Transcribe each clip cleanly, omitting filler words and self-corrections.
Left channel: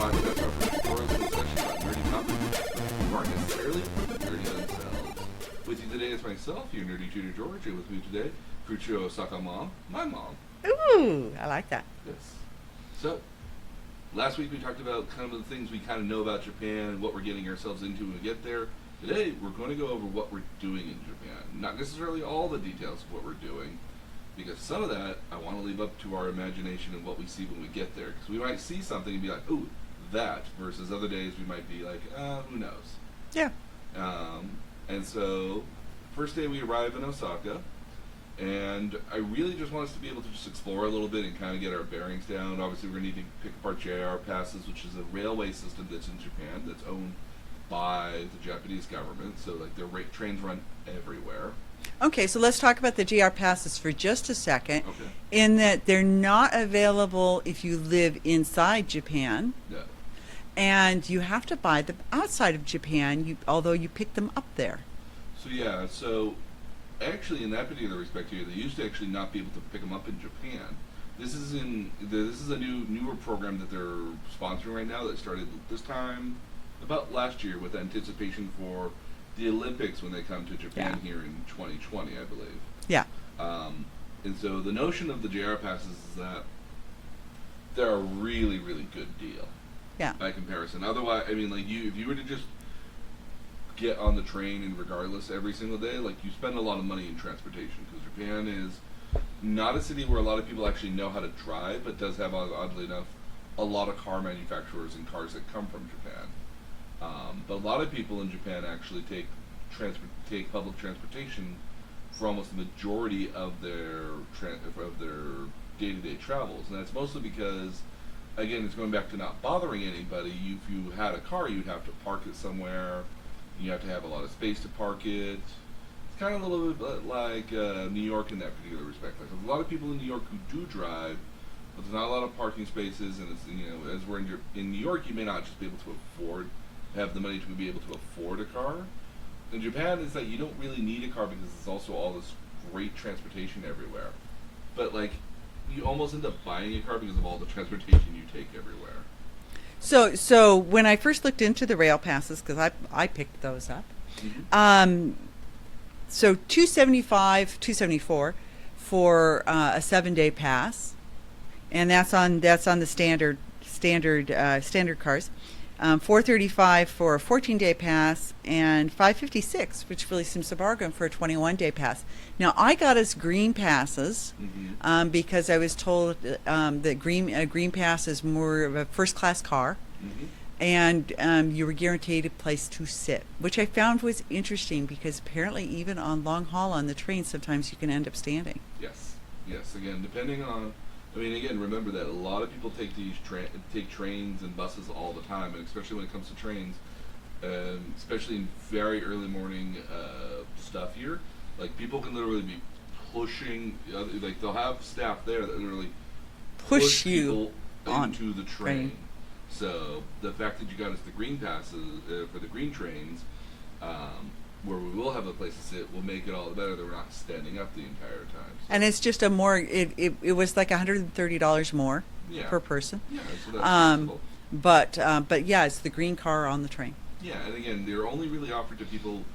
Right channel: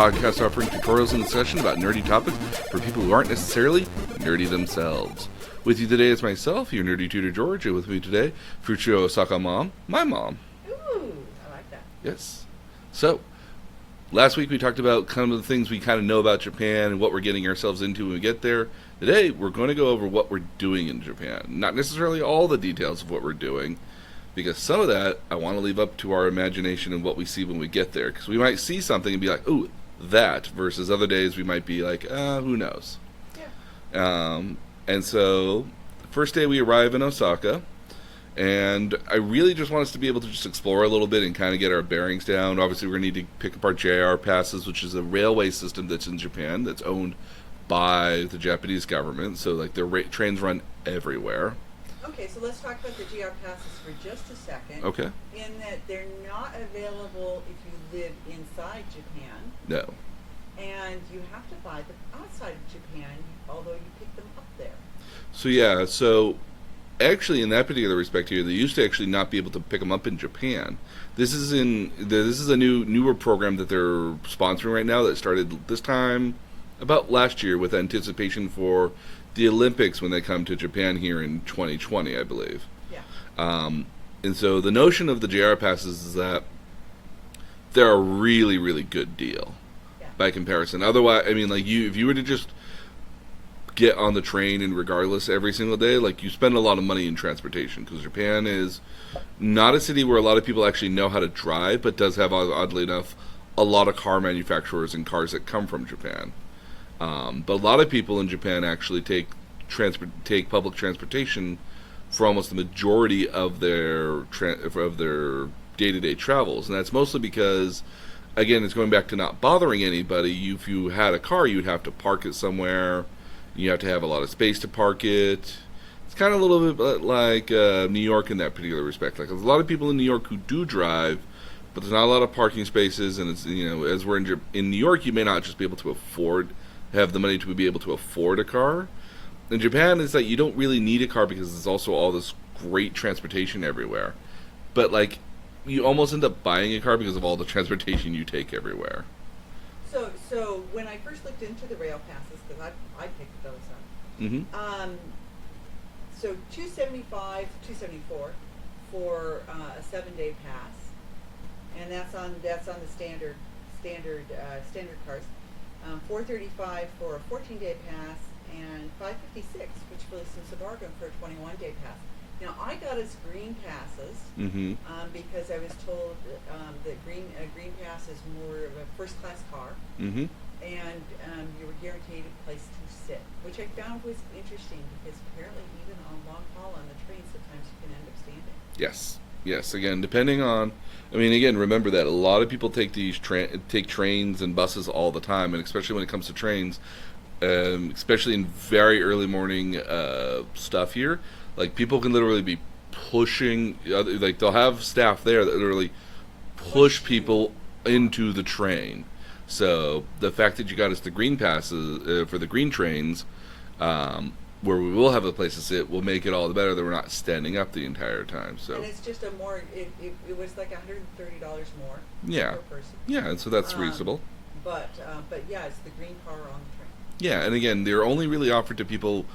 podcast offering tutorials and discussion about nerdy topics for people who aren't necessarily nerdy themselves. With you today is myself, your nerdy tutor George, and with me today, future Osaka mom, my mom. Ooh, I like that. Yes. So, last week we talked about kind of the things we kind of know about Japan and what we're getting ourselves into when we get there. Today, we're going to go over what we're doing in Japan. Not necessarily all the details of what we're doing, because some of that I want to leave up to our imagination and what we see when we get there. Because we might see something and be like, ooh, that, versus other days we might be like, who knows? Yeah. And so, first day we arrive in Osaka, and I really just want us to be able to just explore a little bit and kind of get our bearings down. Obviously, we're going to need to pick up our JR passes, which is a railway system that's in Japan that's owned by the Japanese government. So, like, their trains run everywhere. Okay, so let's talk about the GR passes for just a second. Okay. In that they're not available if you live inside Japan. No. And you have to buy them outside of Japan, although you pick them up there. So, yeah, so actually in that particular respect here, they used to actually not be able to pick them up in Japan. This is a newer program that they're sponsoring right now that started this time about last year with anticipation for the Olympics when they come to Japan here in 2020, I believe. Yeah. And so the notion of the JR passes is that they're a really, really good deal. Yeah. By comparison. Otherwise, I mean, like, if you were to just get on the train and regardless every single day, like, you spend a lot of money in transportation, because Japan is not a city where a lot of people actually know how to drive, but does have, oddly enough, a lot of car manufacturers and cars that come from Japan. But a lot of people in Japan actually take public transportation for almost the majority of their day-to-day travels, and that's mostly because, again, it's going back to not bothering anybody. If you had a car, you'd have to park it somewhere. You have to have a lot of space to park it. It's kind of a little bit like New York in that particular respect. Like, there's a lot of people in New York who do drive, but there's not a lot of parking spaces, and it's, as we're in New York, you may not just be able to have the money to be able to afford a car. In Japan, it's like you don't really need a car because there's also all this great transportation everywhere. But, like, you almost end up buying a car because of all the transportation you take everywhere. So when I first looked into the rail passes, because I picked those up, so $274 for a 7-day pass, and that's on the standard cars. $435 for a 14-day pass, and $556, which really seems a bargain for a 21-day pass. Now, I got us green passes because I was told that green pass is more of a first-class car, and you were guaranteed a place to sit, which I found was interesting because apparently even on long haul on the train, sometimes you can end up standing. Yes. Again, depending on, remember that a lot of people take take trains and buses all the time, and especially when it comes to trains, especially in very early morning stuff here. Like, people can literally be pushing, like, they'll have staff there that literally push people into the train. So the fact that you got us the green passes for the green trains, where we will have a place to sit, will make it all the better that we're not standing up the entire time. So. And it's just it was like $130 more per person. Yeah, and so that's reasonable. But yeah, it's the green car on the train. Yeah, and again, they're only really offered to people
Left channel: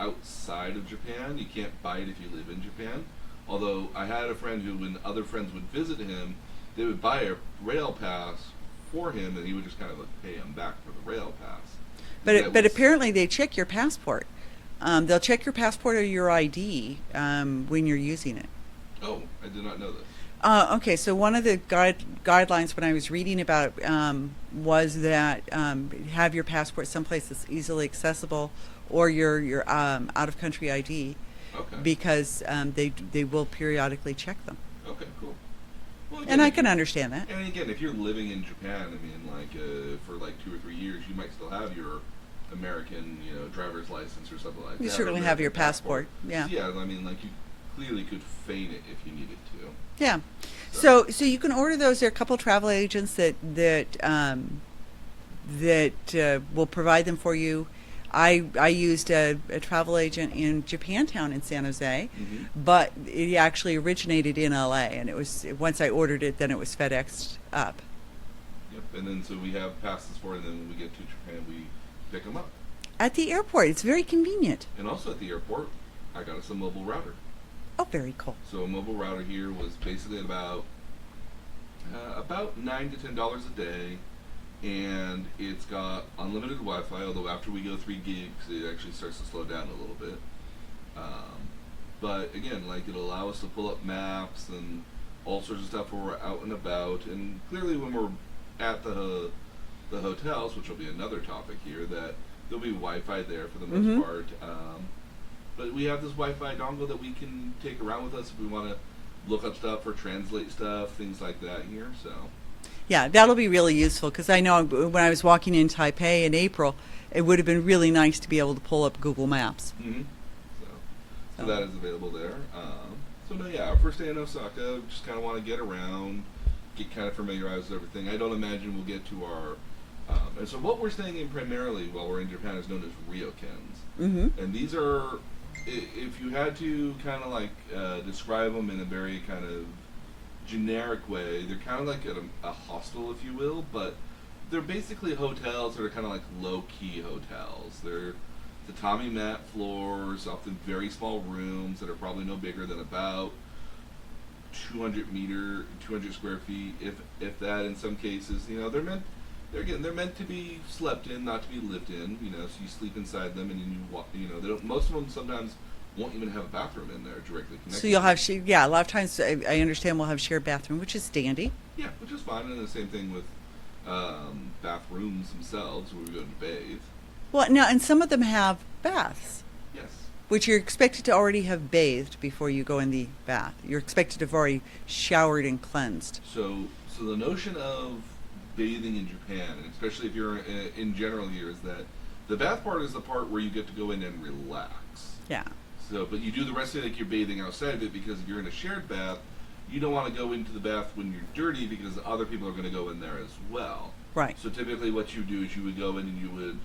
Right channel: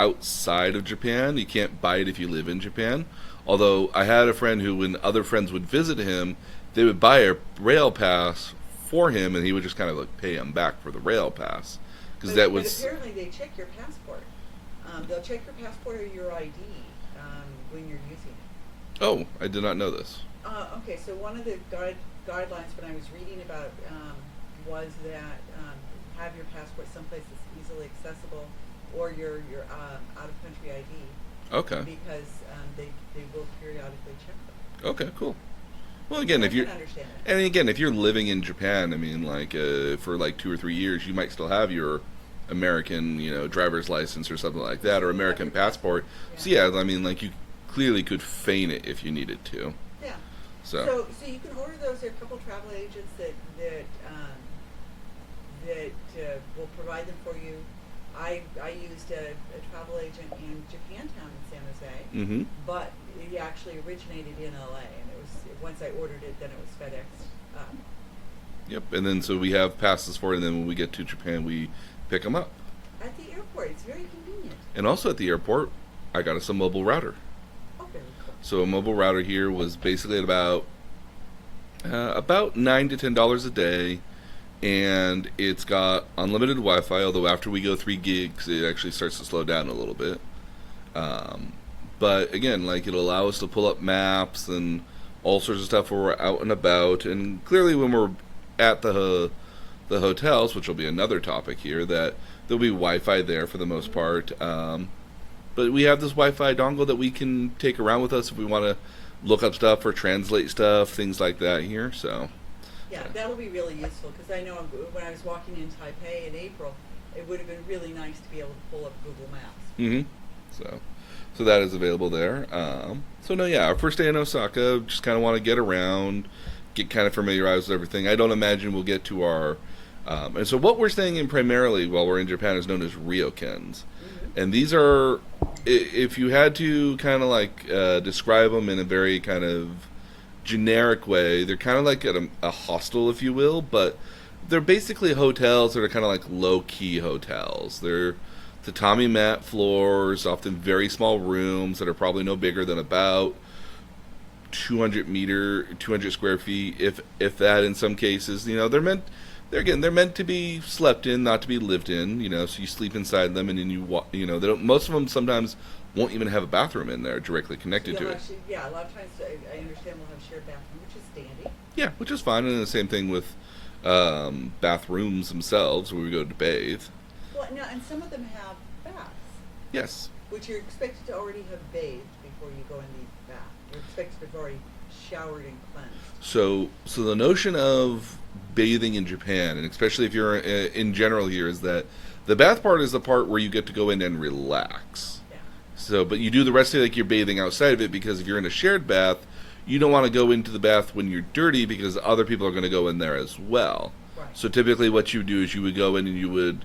outside of Japan. You can't buy it if you live in Japan. Although I had a friend who, when other friends would visit him, they would buy a rail pass for him, and he would just kind of like pay him back for the rail pass. But apparently they check your passport. They'll check your passport or your ID when you're using it. Oh, I did not know this. Okay, so one of the guidelines when I was reading about it was that have your passport someplace that's easily accessible, or your out-of-country ID. Okay. Because they will periodically check them. Okay, cool. Well, again, and I can understand that. And again, if you're living in Japan, for like 2 or 3 years, you might still have your American, driver's license or something like that, or American have your passport. Yeah. So yeah, you clearly could feign it if you needed to. Yeah. So you can order those. There are a couple of travel agents that will provide them for you. I used a travel agent in Japantown in San Jose, but it actually originated in LA, and it was, once I ordered it, then it was FedExed up. Yep. And then so we have passes for it, and then when we get to Japan, we pick them up. At the airport. It's very convenient. And also at the airport, I got us a mobile router. Oh, very cool. So a mobile router here was basically at about $9 to $10 a day, and it's got unlimited Wi-Fi. Although after we go 3 gigs, it actually starts to slow down a little bit. But again, like, it'll allow us to pull up maps and all sorts of stuff when we're out and about. And clearly, when we're at the hotels, which will be another topic here, that there'll be Wi-Fi there for the most part. But we have this Wi-Fi dongle that we can take around with us if we want to look up stuff or translate stuff, things like that here. So, Yeah, that'll be really useful because I know when I was walking in Taipei in April, it would have been really nice to be able to pull up Google Maps. So that is available there. So no, yeah, our first day in Osaka, just kind of want to get around, get kind of familiarized with everything. I don't imagine we'll get to our and so what we're staying in primarily while we're in Japan is known as ryokens. And these are, if you had to kind of like describe them in a very kind of generic way, they're kind of like a hostel, if you will, but they're basically hotels that are kind of like low-key hotels. They're tatami mat floors, often very small rooms that are probably no bigger than about 200 square feet, if that in some cases. You know, they're meant to be slept in, not to be lived in. You know, so you sleep inside them, and then they don't. Most of them sometimes won't even have a bathroom in there directly connected. So you'll have, a lot of times I understand we'll have shared bathroom, which is dandy. Yeah, which is fine, and the same thing with bathrooms themselves where we go to bathe. Well, now, and some of them have baths. Yes. Which you're expected to already have bathed before you go in the bath. You're expected to have already showered and cleansed. So the notion of bathing in Japan, and especially if you're in general here, is that the bath part is the part where you get to go in and relax. Yeah. So, but you do the rest of it like you're bathing outside of it, because if you're in a shared bath, you don't want to go into the bath when you're dirty because other people are going to go in there as well. Right. So typically what you do is you would go in and you would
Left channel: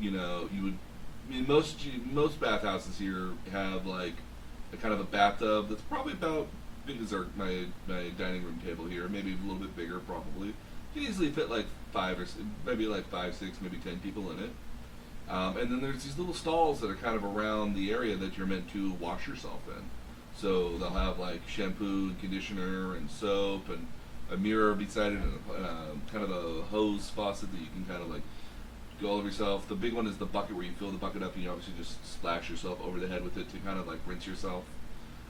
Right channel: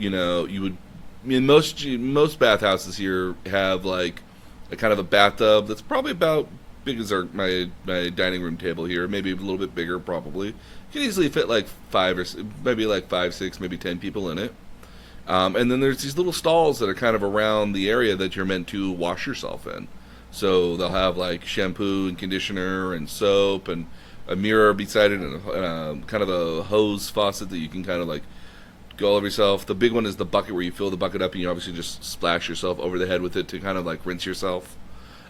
in most bathhouses here have like a kind of a bathtub that's probably about big as my dining room table here, maybe a little bit bigger probably. You can easily fit like 5, 6, maybe 10 people in it. And then there's these little stalls that are kind of around the area that you're meant to wash yourself in. So they'll have like shampoo and conditioner and soap and a mirror beside it and kind of a hose faucet that you can kind of like go all over yourself. The big one is the bucket where you fill the bucket up and you obviously just splash yourself over the head with it to kind of like rinse yourself.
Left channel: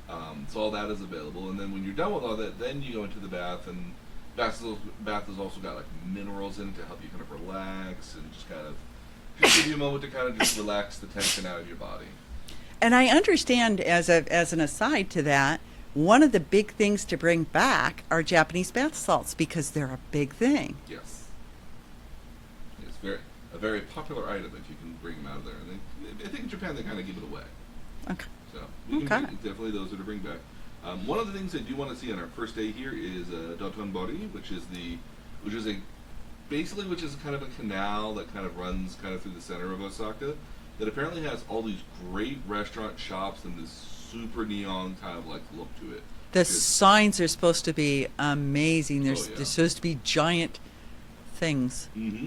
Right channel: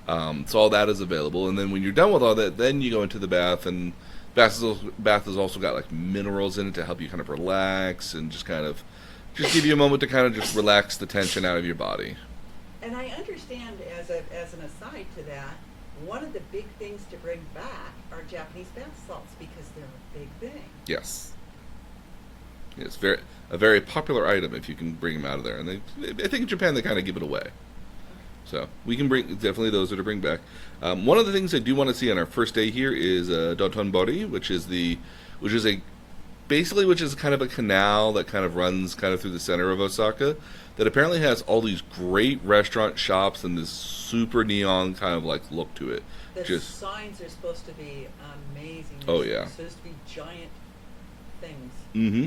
So all that is available. And then when you're done with all that, then you go into the bath, and bath has also got like minerals in it to help you kind of relax and just give you a moment to kind of just relax the tension out of your body. And I understand, as an aside to that, one of the big things to bring back are Japanese bath salts because they're a big thing. Yes. It's a very popular item if you can bring them out of there. And I think in Japan they kind of give it away. Okay. So we can bring definitely those are to bring back. One of the things I do want to see on our first day here is Dōtonbori, which is kind of a canal that kind of runs kind of through the center of Osaka, that apparently has all these great restaurant shops and this super neon kind of like look to it. The signs are supposed to be amazing. They're supposed to be giant things. Mm-hmm.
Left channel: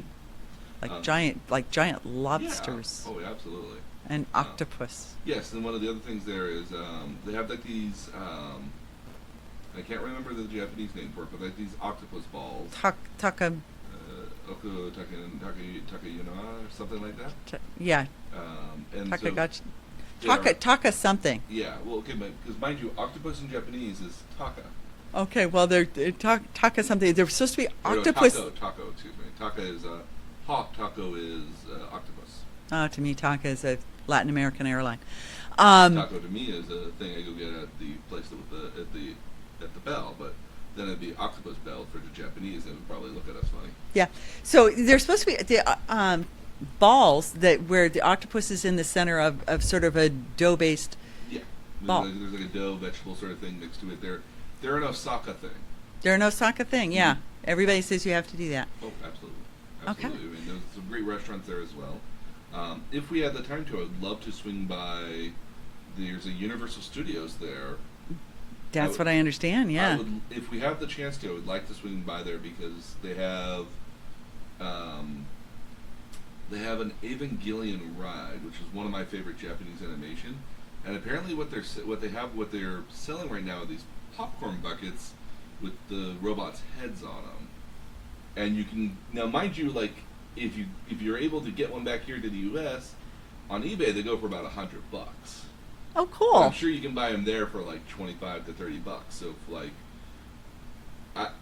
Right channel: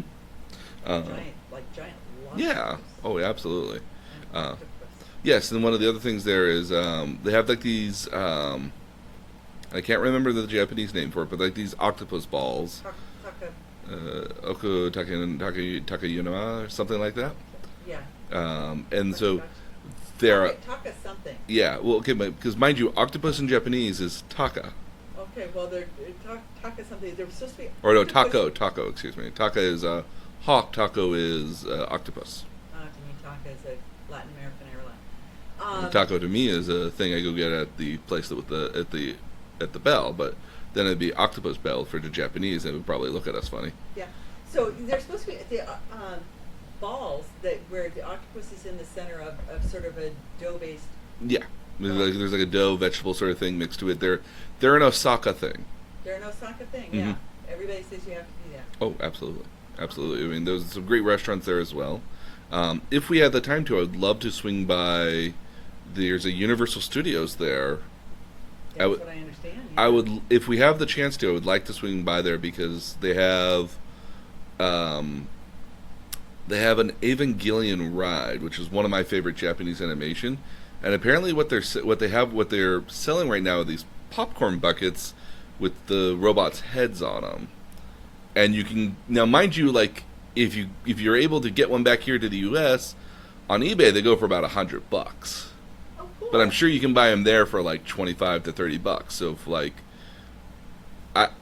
Like giant lobsters. Yeah. Oh, yeah, absolutely. And octopus. Yes, and one of the other things there is they have like these I can't remember the Japanese name for it, but like these octopus balls. Oku Takayunama or something like that. Yeah. And Taka something. Yeah. Well, okay, because mind you, octopus in Japanese is taka. Okay. Well, they're taka something. They're supposed to be octopus. Or no, taco. Excuse me. Taka is hawk. Taco is octopus. To me, taka is a Latin American airline. Taco to me is a thing I go get at the place at the Bell, but then it'd be octopus bell for the Japanese. They would probably look at us funny. Yeah. So they're supposed to be the balls where the octopus is in the center of sort of a dough-based. Yeah. There's like a dough vegetable sort of thing mixed to it. They're an Osaka thing. They're an Osaka thing. Yeah. Mm-hmm. Everybody says you have to do that. Oh, absolutely. Okay. I mean, there's some great restaurants there as well. If we had the time to, I would love to swing by. There's a Universal Studios there. That's what I understand. Yeah. I would, if we have the chance to, I would like to swing by there because they have an Evangelion ride, which is one of my favorite Japanese animation. And apparently, what they're selling right now are these popcorn buckets with the robots' heads on them. And you can now, mind you, like if you're able to get one back here to the U.S. on eBay, they go for about $100. Oh, cool. But I'm sure you can buy them there for like $25 to $30. So if like,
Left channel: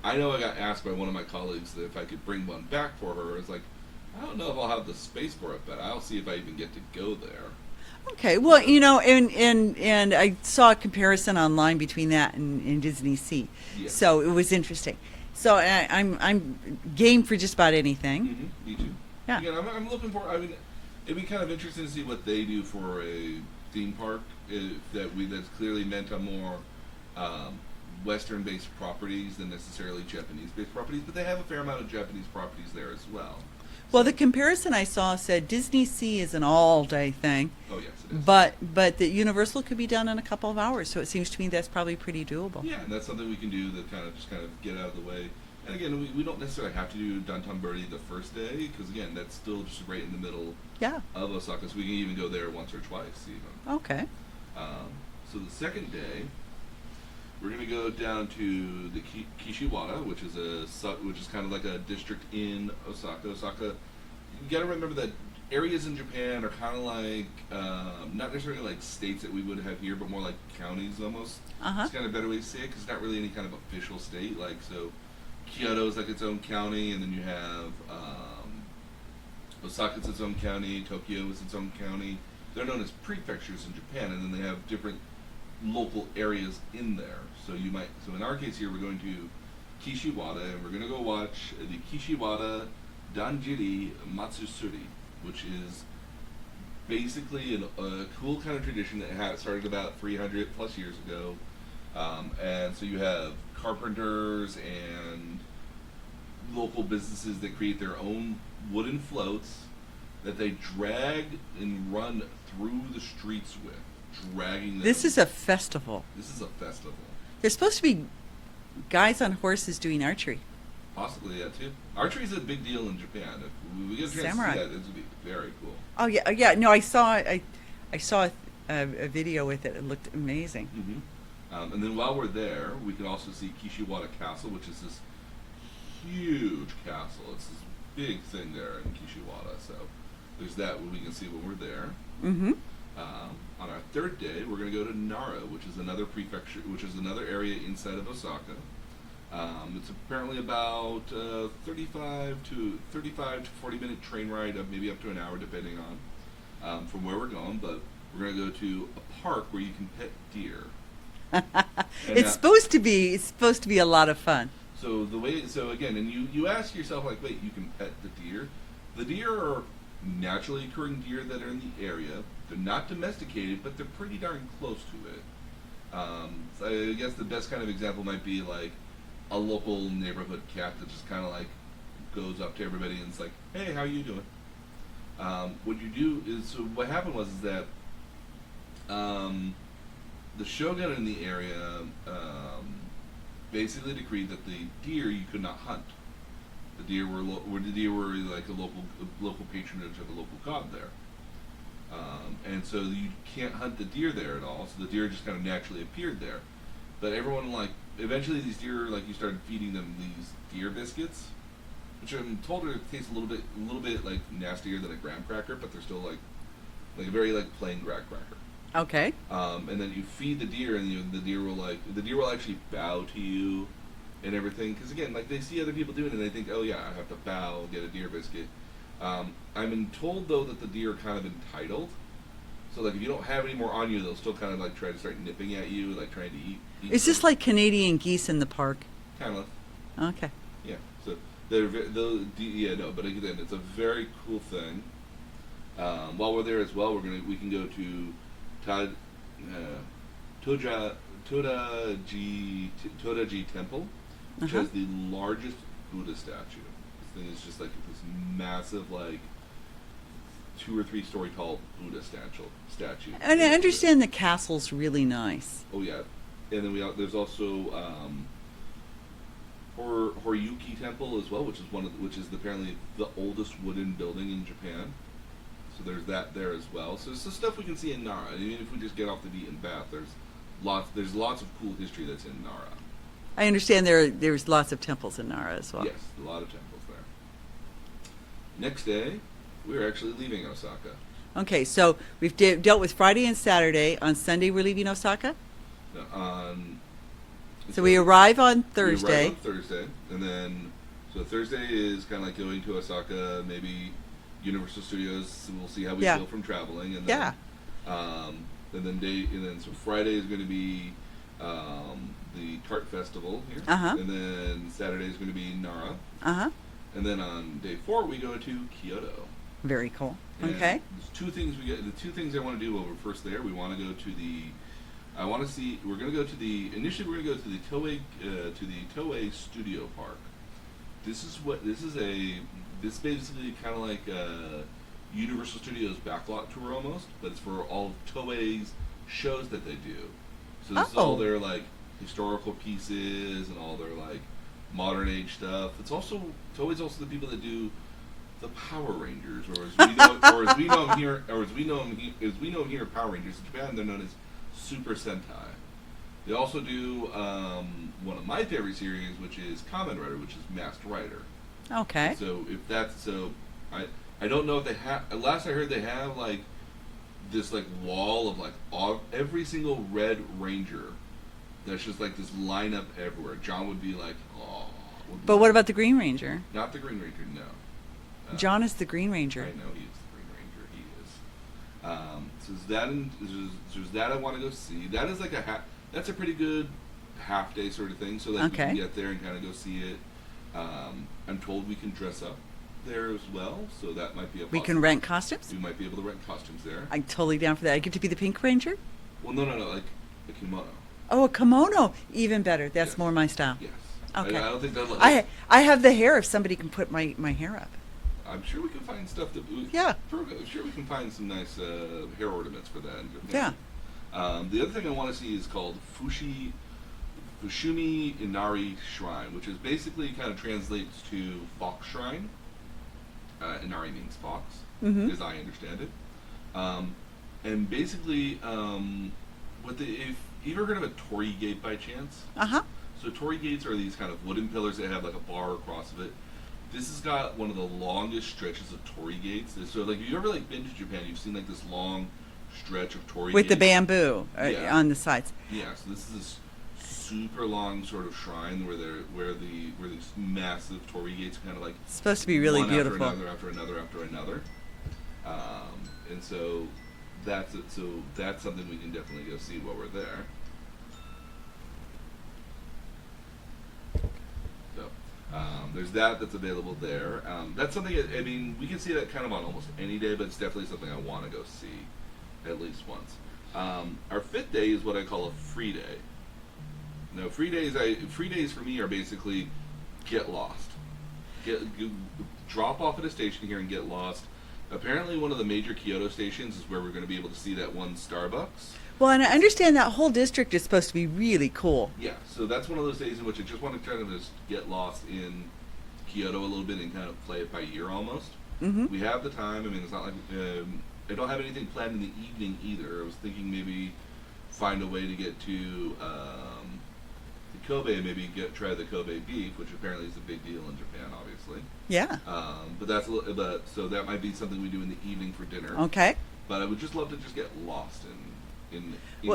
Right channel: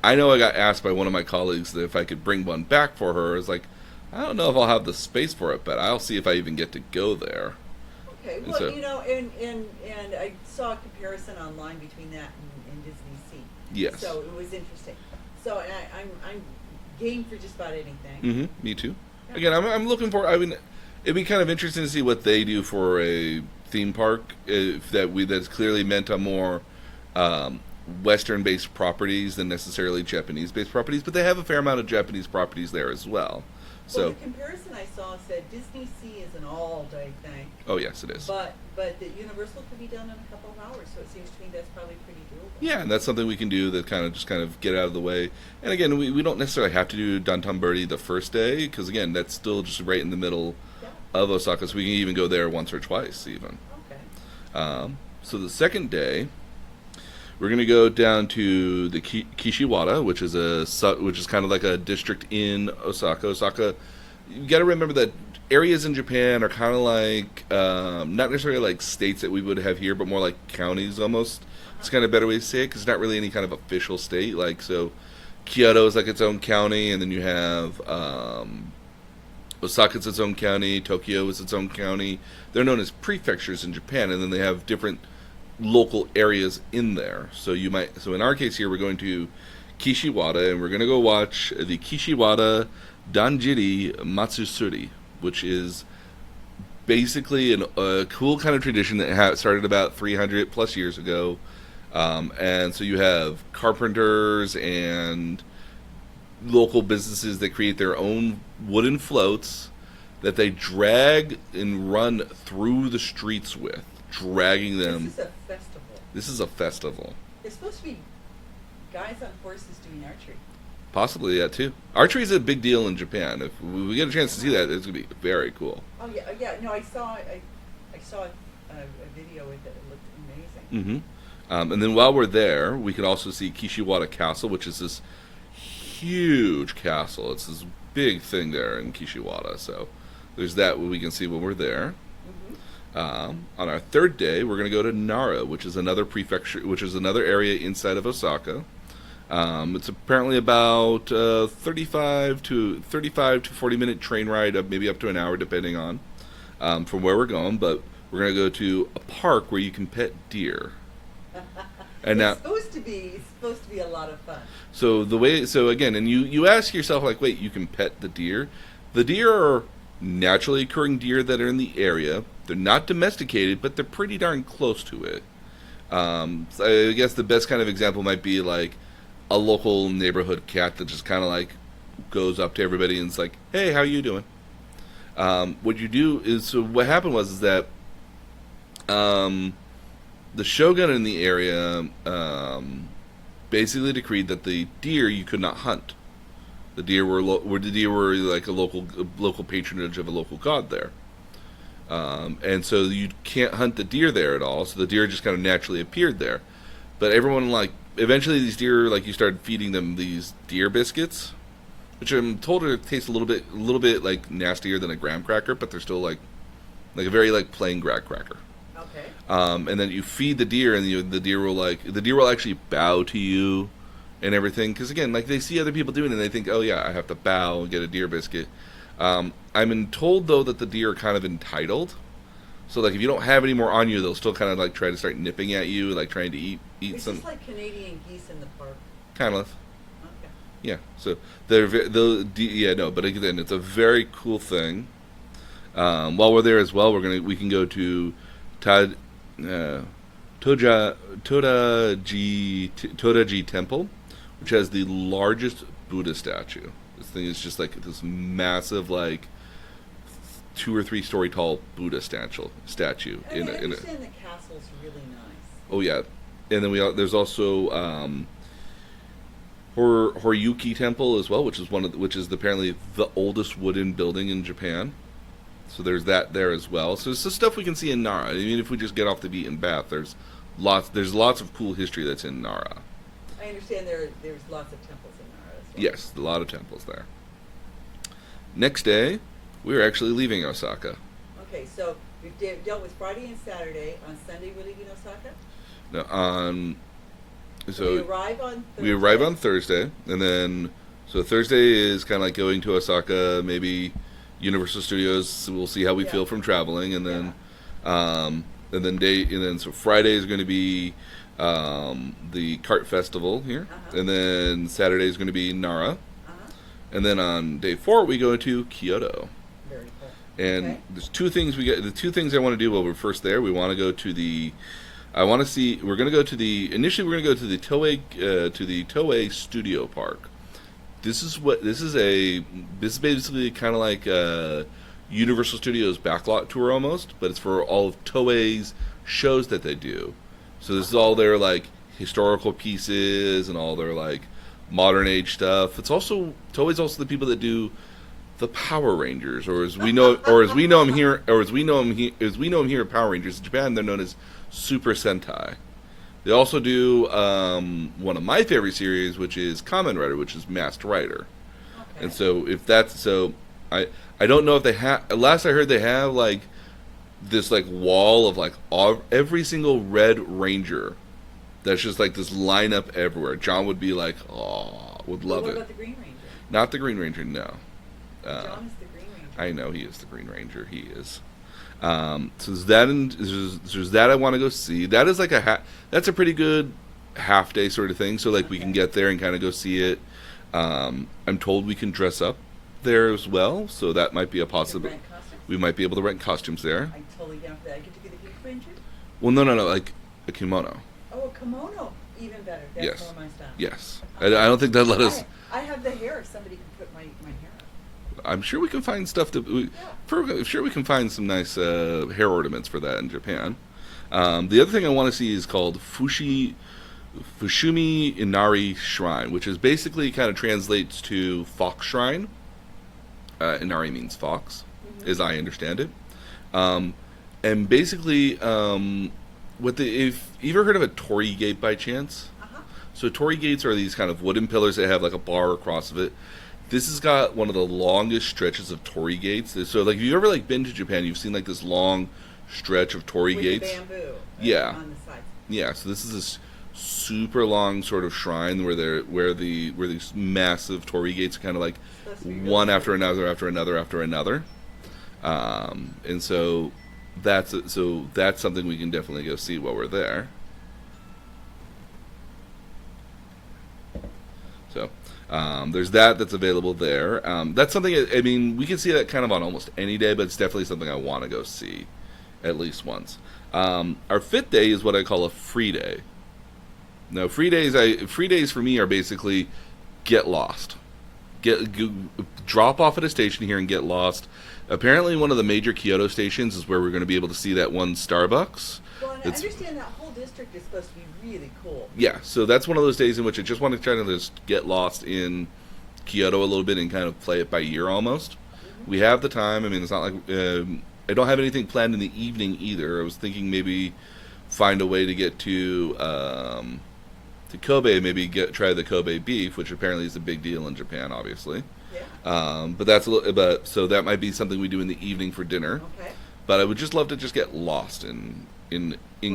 I know I got asked by one of my colleagues that if I could bring one back for her. It's like, I don't know if I'll have the space for it, but I'll see if I even get to go there. Okay, well, and I saw a comparison online between that and Disney Sea. Yes. So it was interesting. So I'm game for just about anything. Mm-hmm. Me too. Yeah. Again, I'm looking for. I mean, it'd be kind of interesting to see what they do for a theme park that's clearly meant on more Western-based properties than necessarily Japanese-based properties. But they have a fair amount of Japanese properties there as well. Well, So- the comparison I saw said Disney Sea is an all-day thing, Oh yes, it is. but the Universal could be done in a couple of hours. So it seems to me that's probably pretty doable. Yeah, and that's something we can do that kind of get out of the way. And again, we don't necessarily have to do Dōtonbori the first day because again, that's still just right in the middle Yeah. of Osaka, so we can even go there once or twice even. Okay. So the second day, we're going to go down to the Kishiwada, which is kind of like a district in Osaka. Osaka, you got to remember that areas in Japan are kind of like not necessarily like states that we would have here, but more like counties almost. Uh-huh. It's kind of a better way to say it because it's not really any kind of official state. Like so, Kyoto is like its own county, and then you have Osaka's its own county. Tokyo is its own county. They're known as prefectures in Japan, and then they have different local areas in there. So in our case here, we're going to Kishiwada, and we're going to go watch the Kishiwada Danjiri Matsuri, which is basically a cool kind of tradition that started about 300 plus years ago. And so you have carpenters and local businesses that create their own wooden floats that they drag and run through the streets with. Dragging them. This is a festival. This is a festival. There's supposed to be guys on horses doing archery. Possibly that too. Archery is a big deal in Japan. If we get a chance to see Samurai. that, it's gonna be very cool. Oh yeah, yeah. No, I saw a video with it. It looked amazing. Mm-hmm. And then while we're there, we could also see Kishiwada Castle, which is this huge castle. It's this big thing there in Kishiwada. So there's that we can see when we're there. Mm-hmm. On our third day, we're going to go to Nara, which is another prefecture, which is another area inside of Osaka. It's apparently about 35 to 40-minute train ride, maybe up to an hour, depending on from where we're going. But we're going to go to a park where you can pet deer. It's supposed to be a lot of fun. So again, and you ask yourself like, wait, you can pet the deer? The deer are naturally occurring deer that are in the area. They're not domesticated, but they're pretty darn close to it. So I guess the best kind of example might be like a local neighborhood cat that just kind of like goes up to everybody and it's like, "Hey, how you doing?" What you do is, so what happened was that the shogun in the area basically decreed that the deer you could not hunt. The deer were like a local patronage of a local god there, and so you can't hunt the deer there at all. So the deer just kind of naturally appeared there, but everyone eventually these deer you started feeding them these deer biscuits, which I'm told taste a little bit like nastier than a graham cracker, but they're still like a very plain graham cracker. Okay. And then you feed the deer, and the deer will actually bow to you and everything, because again, they see other people doing it and they think, oh yeah, I have to bow and get a deer biscuit. I'm told though that the deer are kind of entitled, so if you don't have any more on you, they'll still kind of try to start nipping at you, trying to eat Is this like Canadian geese in the park? kind of. Okay. Yeah, so but again, it's a very cool thing. While we're there as well, we can go to Todaiji Temple, which has the largest Buddha statue. This thing is just this massive 2 or 3 story tall Buddha statue. And I understand the castle's really nice. Oh yeah, and then there's also Horyuki Temple as well, which is which is apparently the oldest wooden building in Japan. So there's that there as well. So it's the stuff we can see in Nara. I mean, if we just get off the beaten path, there's lots of cool history that's in Nara. I understand there's lots of temples in Nara as well. Yes, a lot of temples there. Next day, we're actually leaving Osaka. Okay, so we've dealt with Friday and Saturday. On Sunday, we're leaving Osaka? No, so we arrive on Thursday. We arrive on Thursday, and then so Thursday is kind of like going to Osaka, maybe Universal Studios. So we'll see how we feel from traveling, and then so Friday is going to be the Kart Festival here, and then Saturday is going to be Nara, and then on day 4 we go to Kyoto. Very cool. And there's two things the two things I want to do while we're first there. We want to go to the we're going to go to the Toei Studio Park. This is basically kind of like Universal Studios backlot tour almost, but it's for all of Toei's shows that they do. So this is all their like historical pieces and all their like modern age stuff. It's also Toei's also the people that do the Power Rangers, or as we know them here at Power Rangers in Japan, they're known as Super Sentai. They also do one of my favorite series, which is Kamen Rider, which is Masked Rider. Okay. And so if that's so, I don't know if they have. Last I heard, they have like this like wall of like every single Red Ranger. That's just like this lineup everywhere. John would be like, oh, would love But what it. about the Green Ranger? Not the Green Ranger, no. John is the Green Ranger. I know he is the Green Ranger. He is. So there's that I want to go see. That is like that's a pretty good half day sort of thing. So like we can get there and kind of go see it. I'm told we can dress up there as well, so that might be a possibility. We can rent costumes? We might be able to rent costumes there. I'm totally down for that. I get to be the Pink Ranger? Well, no, like a kimono. Oh, a kimono. Even better. That's more my style. Yes. Okay. I don't think that let us... I have the hair if somebody can put my hair up. I'm sure we can find stuff sure we can find some nice hair ornaments for that in Japan. Yeah. The other thing I want to see is called Fushimi Inari Shrine, which is basically kind of translates to Fox Shrine. Inari means fox, as I understand it. And basically, if you ever heard of a torii gate by chance? So torii gates are these kind of wooden pillars that have like a bar across of it. This has got one of the longest stretches of torii gates. So, like, if you've ever like been to Japan, you've seen like this long stretch of torii gates with the bamboo on the sides. Yeah. So this is this super long sort of shrine where these massive torii gates are kind of like it's supposed to be really one beautiful. after another. And so that's something we can definitely go see while we're there. So. There's that's available there. That's something, I mean, we can see that kind of on almost any day, but it's definitely something I want to go see at least once. Our 5th day is what I call a free day. Now, free days for me are basically get lost. Drop off at a station here and get lost. Apparently, one of the major Kyoto stations is where we're going to be able to see that one Starbucks. Well, and I understand that whole district is supposed to be really cool. Yeah, so that's one of those days in which I just want to try to just get lost in Kyoto a little bit and kind of play it by ear almost. We have the time. I mean, it's not like I don't have anything planned in the evening either. I was thinking maybe find a way to get to Kobe, maybe try the Kobe beef, which apparently is a big deal in Japan, obviously. Yeah. But so that might be something we do in the evening for dinner. Okay. But I would just love to just get lost in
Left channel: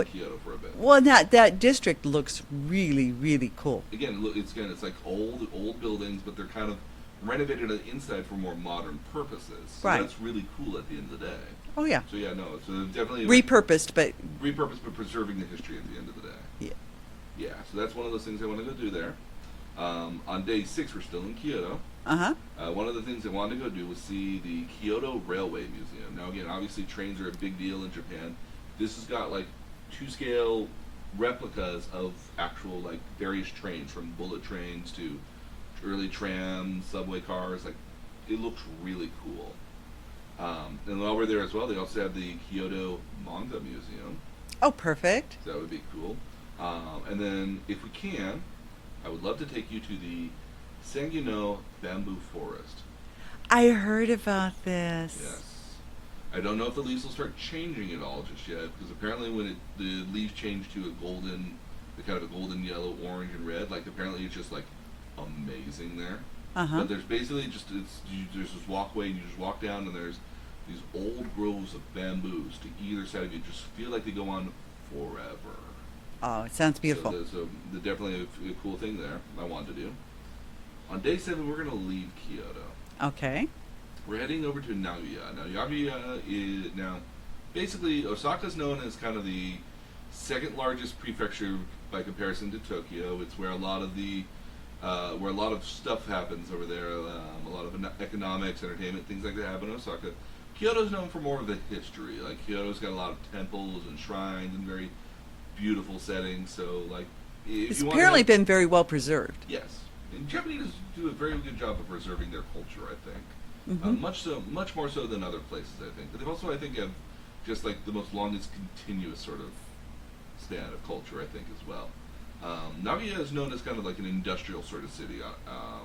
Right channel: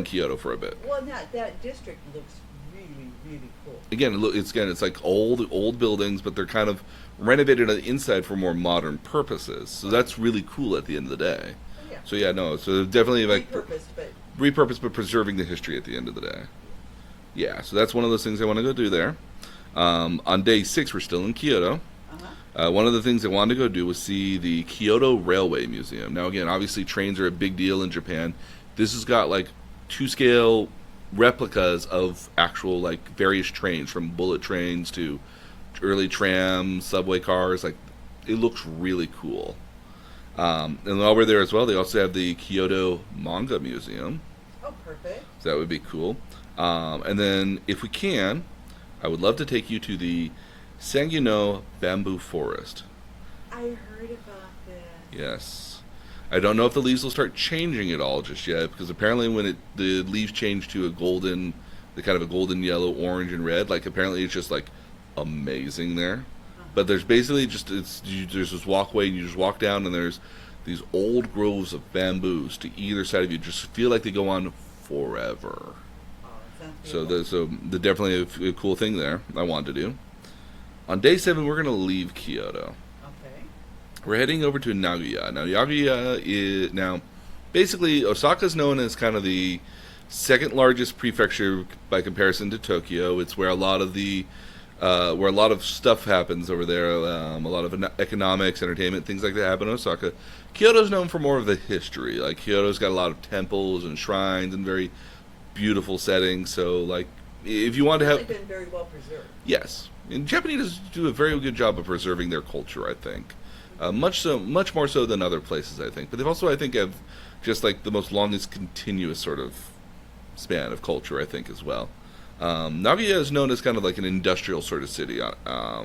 Kyoto for a bit. Well, that district looks really, really cool. Again, it's like old buildings, but they're kind of renovated on the inside for more modern purposes. So that's really cool at the end of the day. Oh yeah. So yeah, no, so definitely repurposed, but preserving the history at the end of the day. Yeah, so that's one of those things I want to go do there. On day 6, we're still in Kyoto. One of the things I wanted to go do was see the Kyoto Railway Museum. Now, again, obviously trains are a big deal in Japan. This has got like 2-scale replicas of actual like various trains, from bullet trains to early trams, subway cars. Like, it looks really cool. And while we're there as well, they also have the Kyoto Manga Museum. Oh, perfect. So that would be cool. And then, if we can, I would love to take you to the Sagano bamboo forest. I heard about this. Yes. I don't know if the leaves will start changing at all just yet, because apparently when the leaves change to the kind of a golden yellow, orange, and red, like apparently it's just like amazing there. But there's basically there's this walkway and you just walk down and there's these old groves of bamboos to either side of you. Just feel like they go on forever. Oh, it sounds beautiful. So definitely a cool thing there I wanted to do. On day 7, we're going to leave Kyoto. Okay. We're heading over to Nagoya. Now, Nagoya is basically Osaka's known as kind of the second largest prefecture by comparison to Tokyo. It's where a lot of stuff happens over there. A lot of economics, entertainment, things like that happen in Osaka. Kyoto's known for more of the history. Like Kyoto's got a lot of temples and shrines and very beautiful settings. So, like, if you want to, apparently been very well preserved. yes, and Japanese do a very good job of preserving their culture. I think, much more so than other places. I think, but they've also, I think, have just like the most longest continuous sort of span of culture. I think as well. Nagoya is known as kind of like an industrial sort of city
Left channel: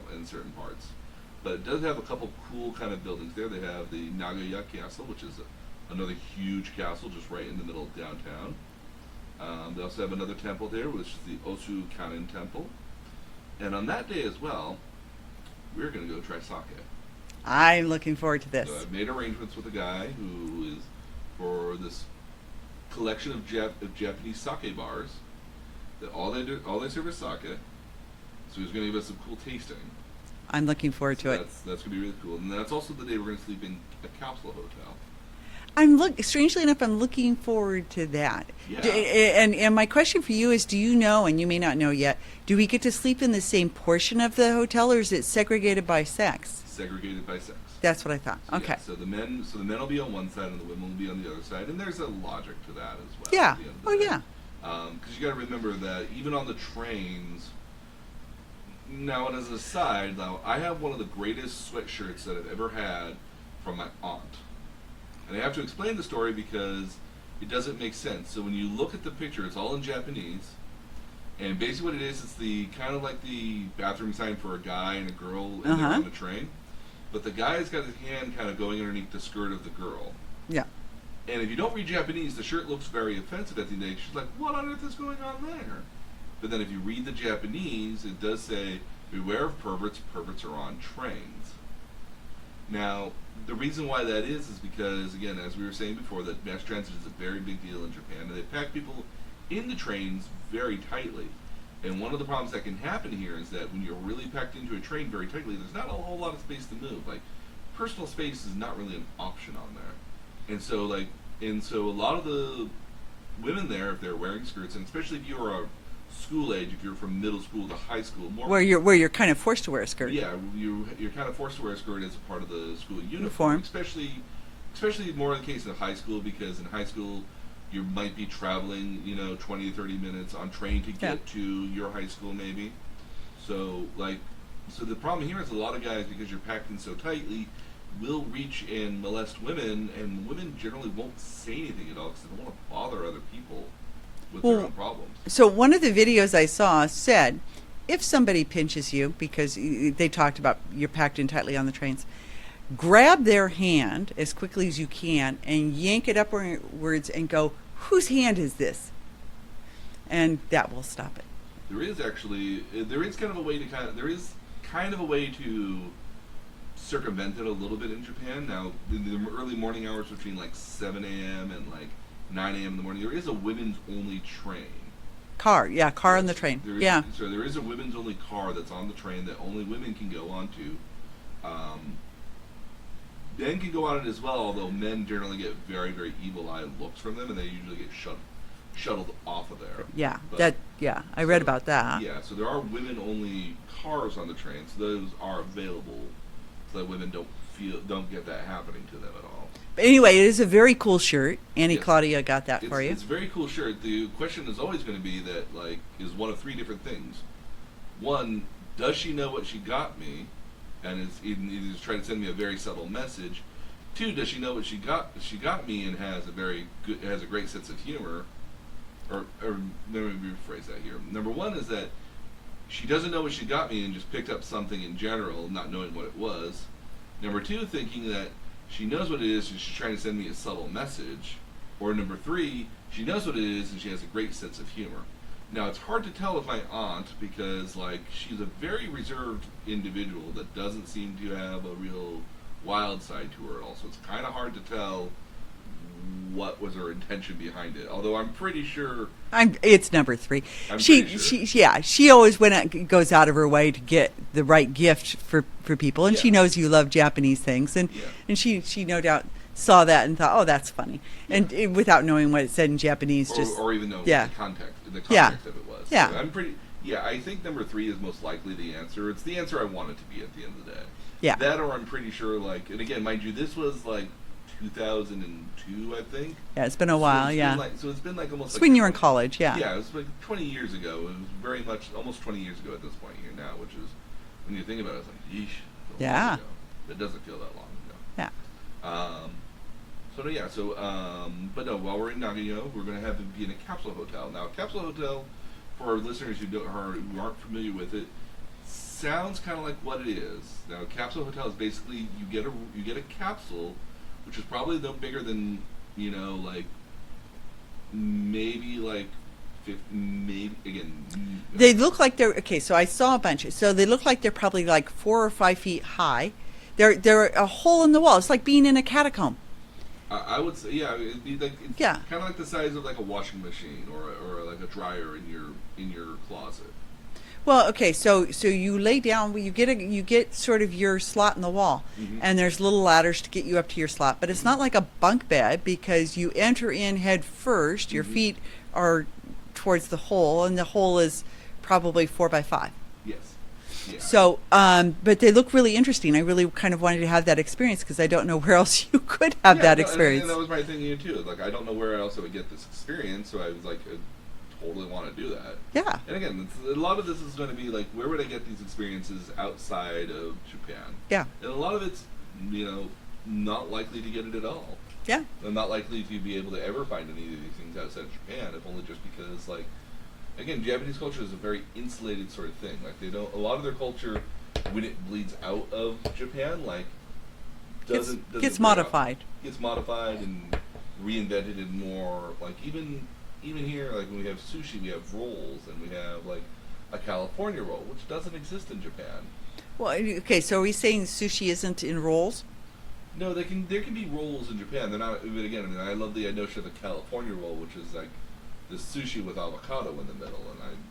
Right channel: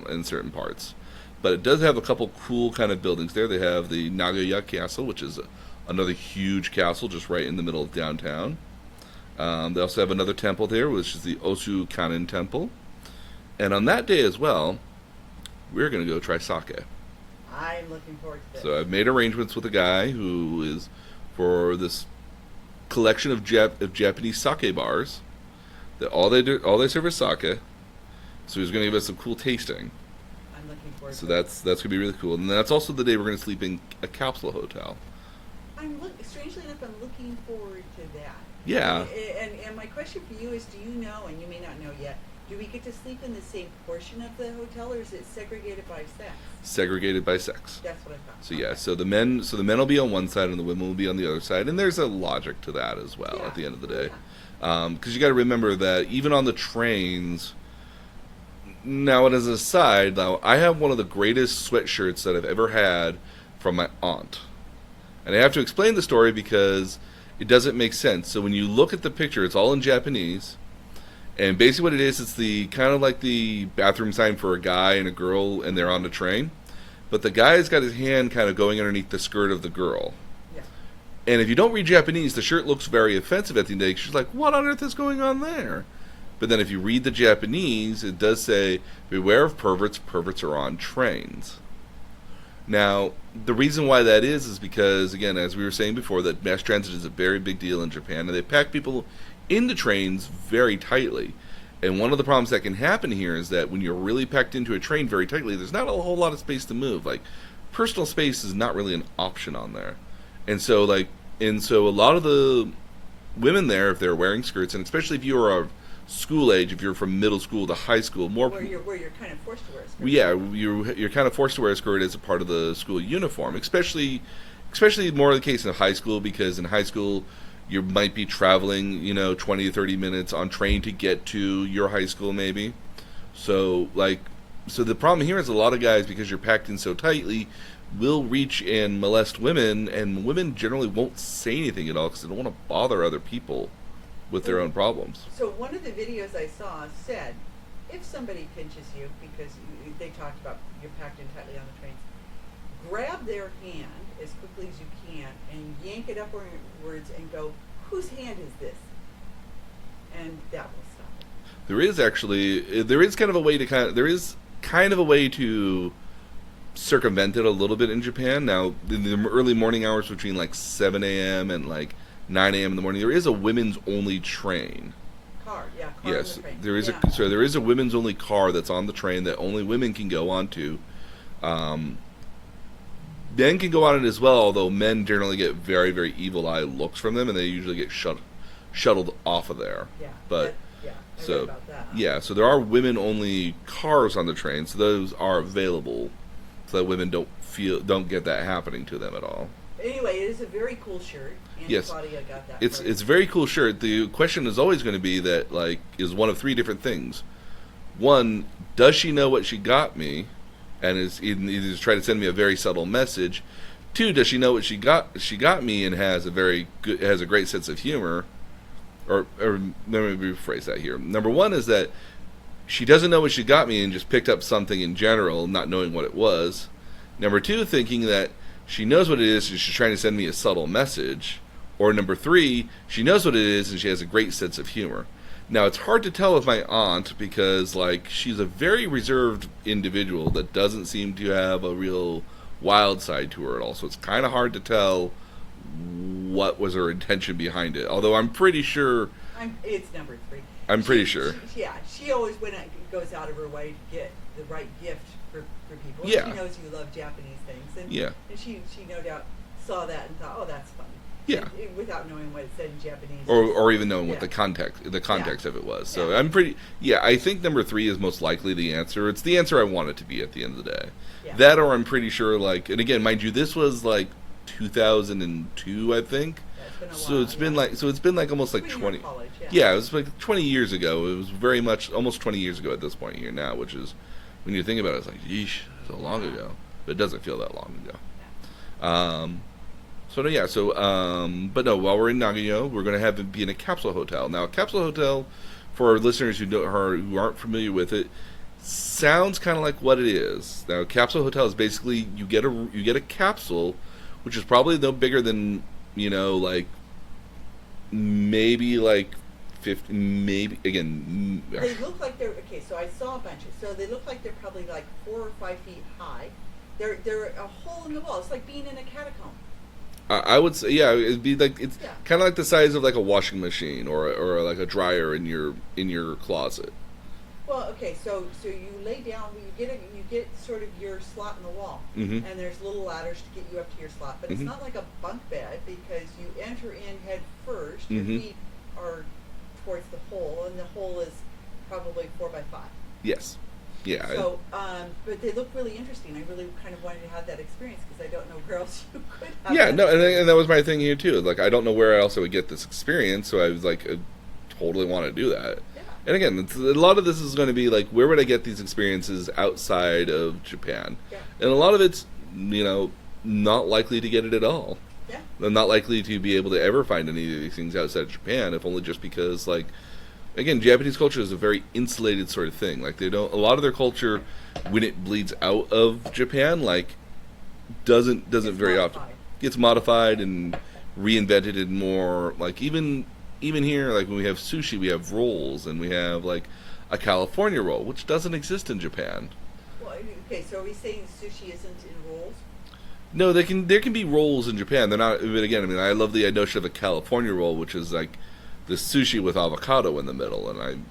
in certain parts. But it does have a couple cool kind of buildings there. They have the Nagoya Castle, which is another huge castle just right in the middle of downtown. They also have another temple there, which is the Osu Kannon Temple. And on that day as well, we're going to go try sake. I'm looking forward to this. So I've made arrangements with a guy who is for this collection of Japanese sake bars. That all they serve is sake. So he's going to give us some cool tasting. I'm looking forward to That's going to be really cool. And that's also the day we're going to sleep in a capsule hotel. Strangely enough, I'm looking forward to that. Yeah. And my question for you is, do you know, and you may not know yet, do we get to sleep in the same portion of the hotel, or is it segregated by sex? Segregated by sex. That's what I thought. So okay. yeah, so the men will be on one side and the women will be on the other side, and there's a logic to that as well. Yeah. At the end of the day. Yeah. Because you got to remember that even on the trains. Now, as an aside, I have one of the greatest sweatshirts that I've ever had from my aunt. And I have to explain the story because it doesn't make sense. So when you look at the picture, it's all in Japanese. And basically what it is, it's the kind of like the bathroom sign for a guy and a girl, and they're on the train. But the guy's got his hand kind of going underneath the skirt of the girl. Yeah. And if you don't read Japanese, the shirt looks very offensive at the end of the day. She's like, what on earth is going on there? But then if you read the Japanese, it does say, beware of perverts, perverts are on trains. Now, the reason why that is because, again, as we were saying before, that mass transit is a very big deal in Japan, and they pack people into trains very tightly. And one of the problems that can happen here is that when you're really packed into a train very tightly, there's not a whole lot of space to move. Like, personal space is not really an option on there. And so a lot of the women there, if they're wearing skirts, and especially if you're a school age, if you're from middle school to high school, where you're kind of forced to wear a skirt. Yeah, you're kind of forced to wear a skirt as a part of the school uniform. Especially more the case in high school, because in high school you might be traveling 20 to 30 minutes on train to get to your high school maybe. So the problem here is a lot of guys, because you're packed in so tightly, will reach and molest women, and women generally won't say anything at all because they don't want to bother other people with their own problems. So one of the videos I saw said, if somebody pinches you, because they talked about you're packed in tightly on the trains, grab their hand as quickly as you can and yank it upwards and go, whose hand is this? And that will stop it. There is kind of a way to circumvent it a little bit in Japan. Now, in the early morning hours between like 7 a.m. and like 9 a.m. in the morning, there is a women's only train. Car on the train. There is a women's only car that's on the train that only women can go onto. Men can go on it as well, although men generally get very, very evil eye looks from them, and they usually get shuttled off of there. Yeah, I read about that. Yeah, so there are women only cars on the train, so those are available, so that women don't get that happening to them at all. But anyway, it is a very cool shirt. Annie Yes. Claudia got that for you. It's a very cool shirt. The question is always going to be that, like, is one of three different things. One, does she know what she got me, and is either trying to send me a very subtle message? Two, does she know what she got me and has a great sense of humor? or let me rephrase that here. Number one is that she doesn't know what she got me and just picked up something in general, not knowing what it was. Number two, thinking that she knows what it is and she's trying to send me a subtle message. Or number three, she knows what it is and she has a great sense of humor. Now, it's hard to tell with my aunt because, like, she's a very reserved individual that doesn't seem to have a real wild side to her at all. So it's kind of hard to tell what was her intention behind it. Although I'm pretty sure... It's number three. I'm pretty sure. She always goes out of her way to get the right gift for people. And she knows you love Japanese things. And she no doubt saw that and thought, oh, that's funny. Yeah. And without knowing what it said in Japanese. Or even knowing what the context of it was. So I'm pretty... Yeah, I think number three is most likely the answer. It's the answer I want it to be at the end of the day. Yeah. That, or I'm pretty sure, like... And again, mind you, this was, like, 2002, I think. Yeah, it's been a while, so it's been, like, almost like... when you were in college, yeah. Yeah, it was, like, 20 years ago. It was very much... Almost 20 years ago at this point here now, which is... When you think about it, it's like, yeesh, it's a long ago. But it doesn't feel that long ago. Yeah. But no, while we're in Nagoya, we're going to have it be in a capsule hotel. Now, a capsule hotel, for our listeners who aren't familiar with it, sounds kind of like what it is. Now, a capsule hotel is basically you get a capsule, which is probably no bigger than, like maybe like 50, maybe again. They look like they're okay. So I saw a bunch. So they look like they're probably like 4 or 5 feet high. They're a hole in the wall. It's like being in a catacomb. I would say, it'd be like kind of like the size of like a washing machine or like a dryer in your closet. Well, okay, so you lay down, you get sort of your slot in the wall, and there's little ladders to get you up to your slot, but it's not like a bunk bed because you enter in head first. Your feet are towards the hole, and the hole is probably 4 by 5. Yes. Yeah. So, but they look really interesting. I really kind of wanted to have that experience because I don't know where else you could have that experience. And that was my thing here too. Like, I don't know where else I would get this experience, so I was like, I totally want to do that. Yeah. And again, a lot of this is going to be like, where would I get these experiences outside of Japan? Yeah. And a lot of it's, not likely to get it at all. Yeah. I'm not likely to be able to ever find any of these things outside of Japan, if only just because, like, again, Japanese culture is a very insulated sort of thing. Like, a lot of their culture, when it bleeds out of Japan, like, doesn't gets very modified. Often, gets modified and reinvented in more, like, even here, like, when we have sushi, we have rolls, and we have, like, a California roll, which doesn't exist in Japan. Well, okay, so are we saying sushi isn't in rolls? No, there can be rolls in Japan. They're not, but again, I mean, I love the notion of a California roll, which is, like, the sushi with avocado in the middle, and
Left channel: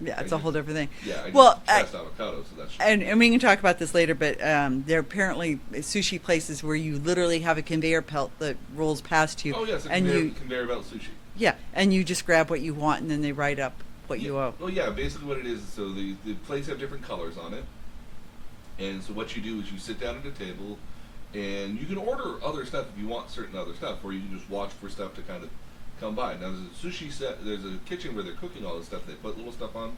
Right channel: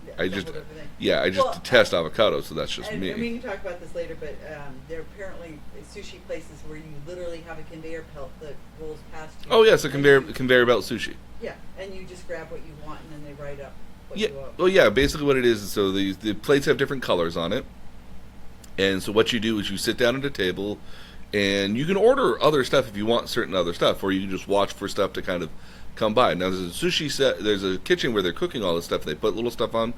it's a whole different thing. Yeah, I just detest avocado, so that's just me. And we can talk about this later, but there are apparently sushi places where you literally have a conveyor belt that rolls past you. Oh, yes, a conveyor belt sushi. Yeah, and you just grab what you want, and then they write up what you owe. Well, yeah, basically what it is, so the plates have different colors on it, and so what you do is you sit down at a table, and you can order other stuff if you want certain other stuff, or you can just watch for stuff to kind of come by. Now, there's a sushi set. There's a kitchen where they're cooking all this stuff. They put little stuff on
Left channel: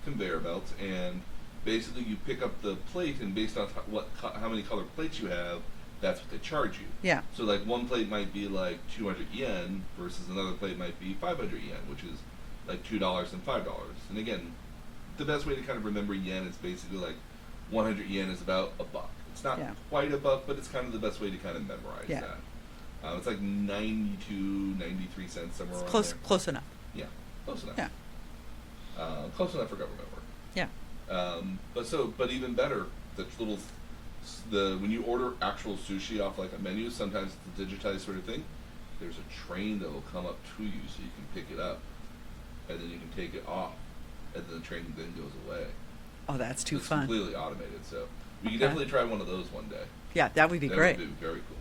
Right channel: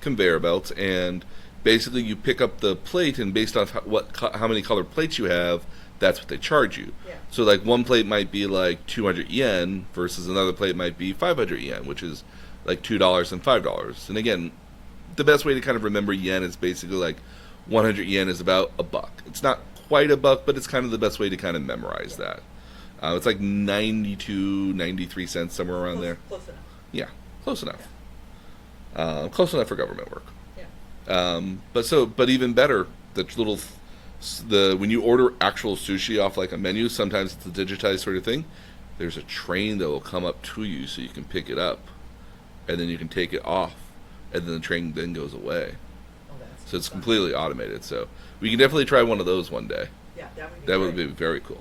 conveyor belts, and basically you pick up the plate, and based on how many colored plates you have, that's what they charge you. Yeah. So, like, one plate might be like 200 yen versus another plate might be 500 yen, which is like $2 and $5. And again, the best way to kind of remember yen is basically like 100 yen is about $1. It's not quite $1, but it's kind of the best way to kind of memorize that. It's like 92, 93 cents, somewhere around there. Close enough. Yeah, close enough. Yeah. Close enough for government work. Yeah. But even better, when you order actual sushi off like a menu, sometimes it's a digitized sort of thing. There's a train that will come up to you so you can pick it up, and then you can take it off, and then the train then goes away. Oh, that's too fun. It's completely automated, so we can definitely try one of those one day. Yeah, that would be great. That would be very cool.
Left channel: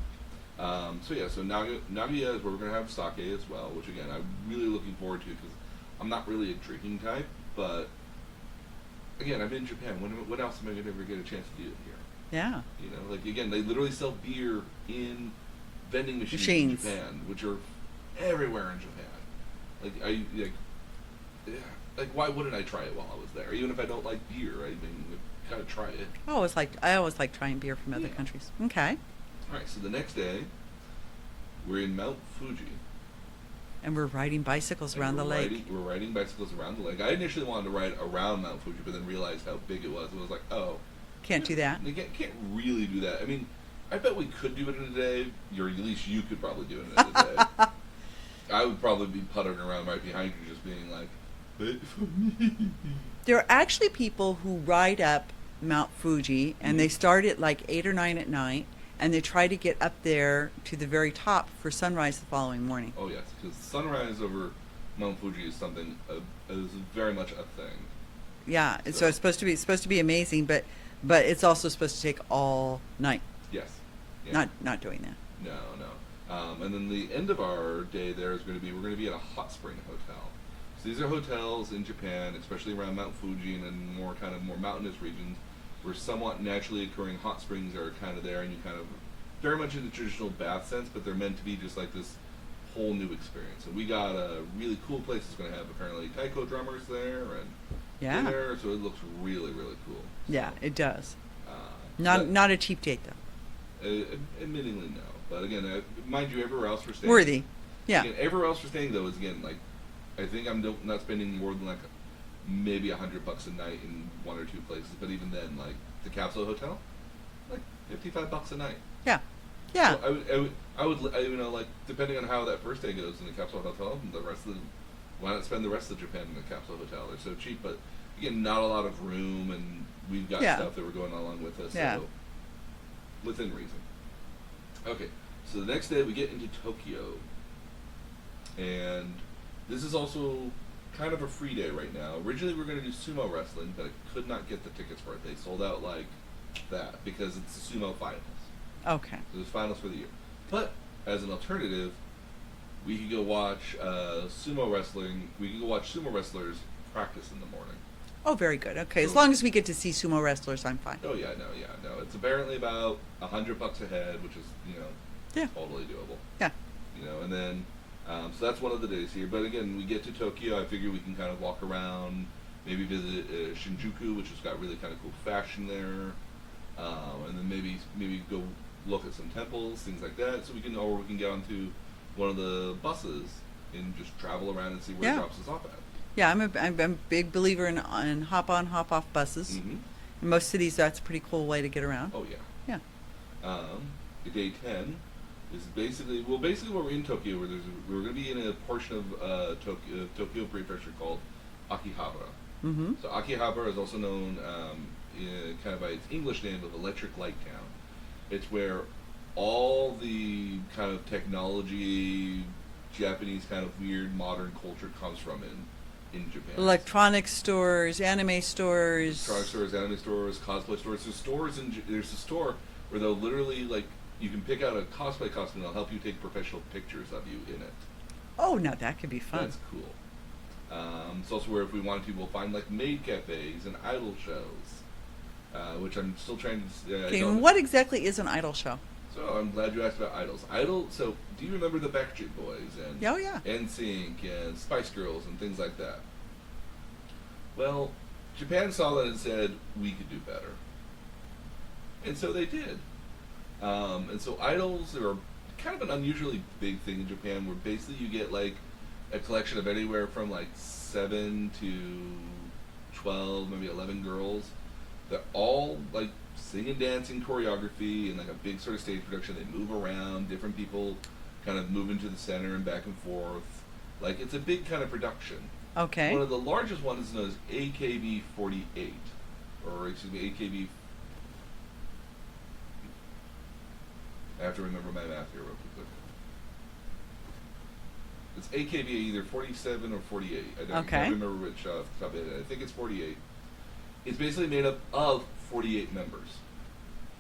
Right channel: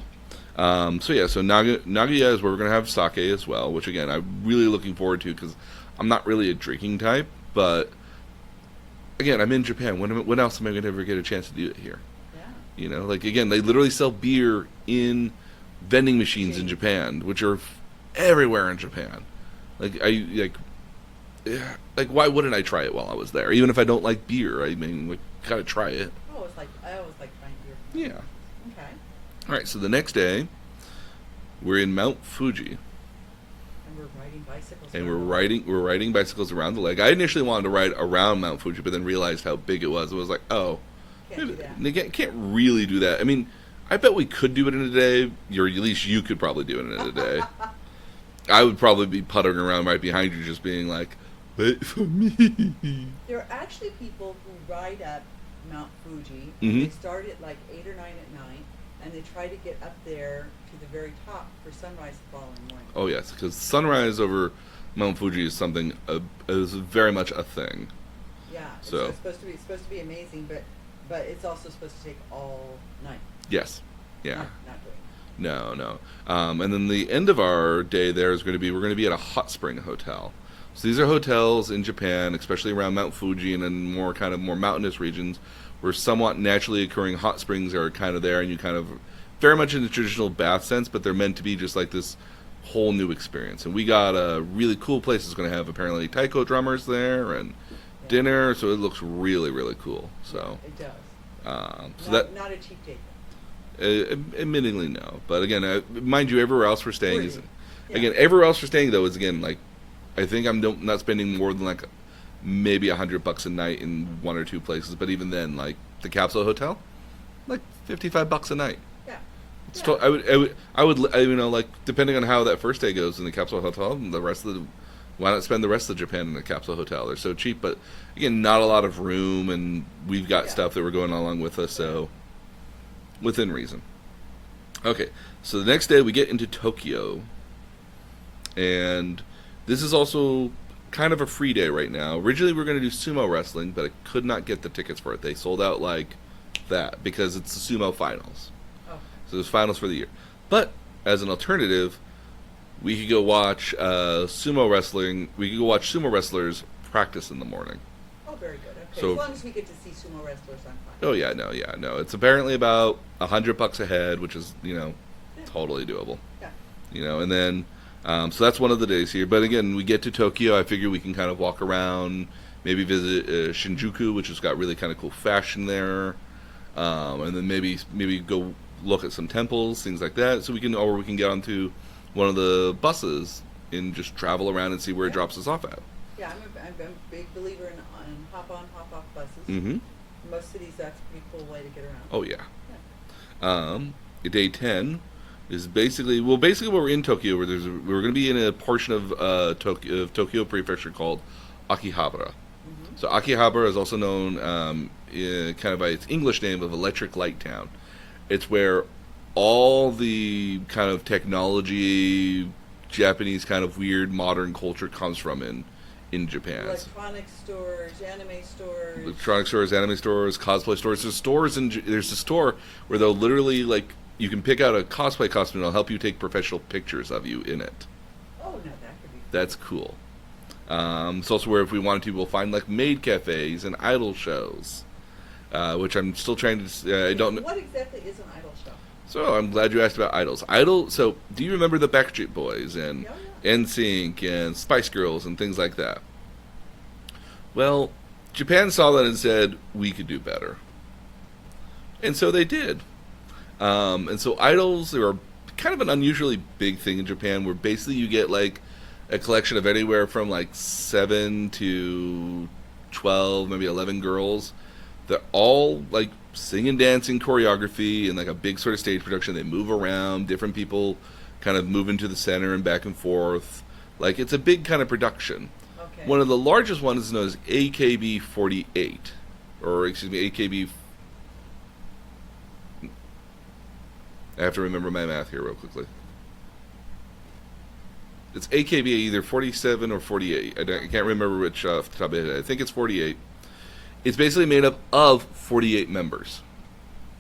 So Nagoya is where we're going to have sake as well, which again, I'm really looking forward to because I'm not really a drinking type, but again, I'm in Japan. When else am I going to ever get a chance to do it here? Yeah. Like, again, they literally sell beer in vending machines in Japan, which are everywhere in Japan. Why wouldn't I try it while I was there? Even if I don't like beer, I mean, gotta try it. I always like trying beer from other countries. Okay. All right, so the next day, we're in Mount Fuji. And we're riding bicycles And around the lake. we're riding bicycles around the lake. I initially wanted to ride around Mount Fuji, but then realized how big it was. I was like, oh, Can't do that. They can't really do that. I mean, I bet we could do it in a day, or at least you could probably do it in a day. I would probably be puttering around right behind you, just being like, wait for me. There are actually people who ride up Mount Fuji, and they start at like 8 or 9 at night, and they try to get up there to the very top for sunrise the following morning. Oh yes, because sunrise over Mount Fuji is something is very much a thing. Yeah, so So- it's supposed to be amazing, but it's also supposed to take all night. Yes. Yeah. Not doing that. No. And then the end of our day there is going to be, we're going to be at a hot spring hotel. So these are hotels in Japan, especially around Mount Fuji and in more mountainous regions, where somewhat naturally occurring hot springs are kind of there, and you kind of very much in the traditional bath sense, but they're meant to be just like this whole new experience. And we got a really cool place that's going to have apparently taiko drummers there and Yeah. dinner, so it looks really, really cool. So, Yeah, it does. so Not a cheap date though. admittingly, no. But again, mind you, everywhere else we're staying. Worthy. Yeah. Again, everywhere else we're staying though is again like, I think I'm not spending more than like maybe $100 a night in one or two places. But even then, like the capsule hotel, like $55 a night. Yeah. Yeah. So I would like depending on how that first day goes in the capsule hotel, and the rest of the, why not spend the rest of Japan in the capsule hotel? They're so cheap, but again, not a lot of room, and we've got Yeah. stuff that we're going along with us, so Yeah. within reason. Okay, so the next day we get into Tokyo, and this is also kind of a free day right now. Originally we were going to do sumo wrestling, but I could not get the tickets for it. They sold out like that because it's the sumo finals. Okay. So there's finals for the year. But as an alternative, we could go watch sumo wrestling. We could go watch sumo wrestlers practice in the morning. Oh, very good. Okay, So- as long as we get to see sumo wrestlers, I'm fine. Oh yeah, no. It's apparently about $100 a head, which is Yeah. totally doable. Yeah. And then so that's one of the days here. But again, we get to Tokyo. I figure we can kind of walk around, maybe visit Shinjuku, which has got really kind of cool fashion there, and then maybe go look at some temples, things like that. So we can get onto one of the buses and just travel around and see where it Yeah. drops us off at. Yeah, I'm a big believer in hop on, hop off buses. Mm-hmm. In most cities, that's a pretty cool way to get around. Oh yeah. Yeah. Day 10 is basically we're in Tokyo, where we're going to be in a portion of Tokyo Prefecture called Akihabara. Mm-hmm. So Akihabara is also known kind of by its English name of Electric Light Town. It's where all the kind of technology, Japanese kind of weird modern culture comes from in Japan. Electronic stores, anime stores. Electronic stores, anime stores, cosplay stores. There's a store where they'll literally like you can pick out a cosplay costume and they'll help you take professional pictures of you in it. Oh, no, that could be fun. That's cool. It's also where if we wanted to, we'll find like maid cafes and idol shows, which I'm still trying to. I Okay, don't. what exactly is an idol show? So I'm glad you asked about idols. So do you remember the Backstreet Boys and Oh, yeah. NSYNC and Spice Girls and things like that? Well, Japan saw that and said we could do better, and so they did. And so idols are kind of an unusually big thing in Japan, where basically you get like a collection of anywhere from like 7 to 12, maybe 11 girls. They're all like singing, dancing, choreography, and like a big sort of stage production. They move around. Different people kind of move into the center and back and forth. Like it's a big kind of production. Okay. One of the largest ones is known as AKB 48, or excuse me, AKB. I have to remember my math here real quickly. It's AKB either 47 or 48. I Okay. can't remember which off the top of my head. I think it's 48. It's basically made up of 48 members,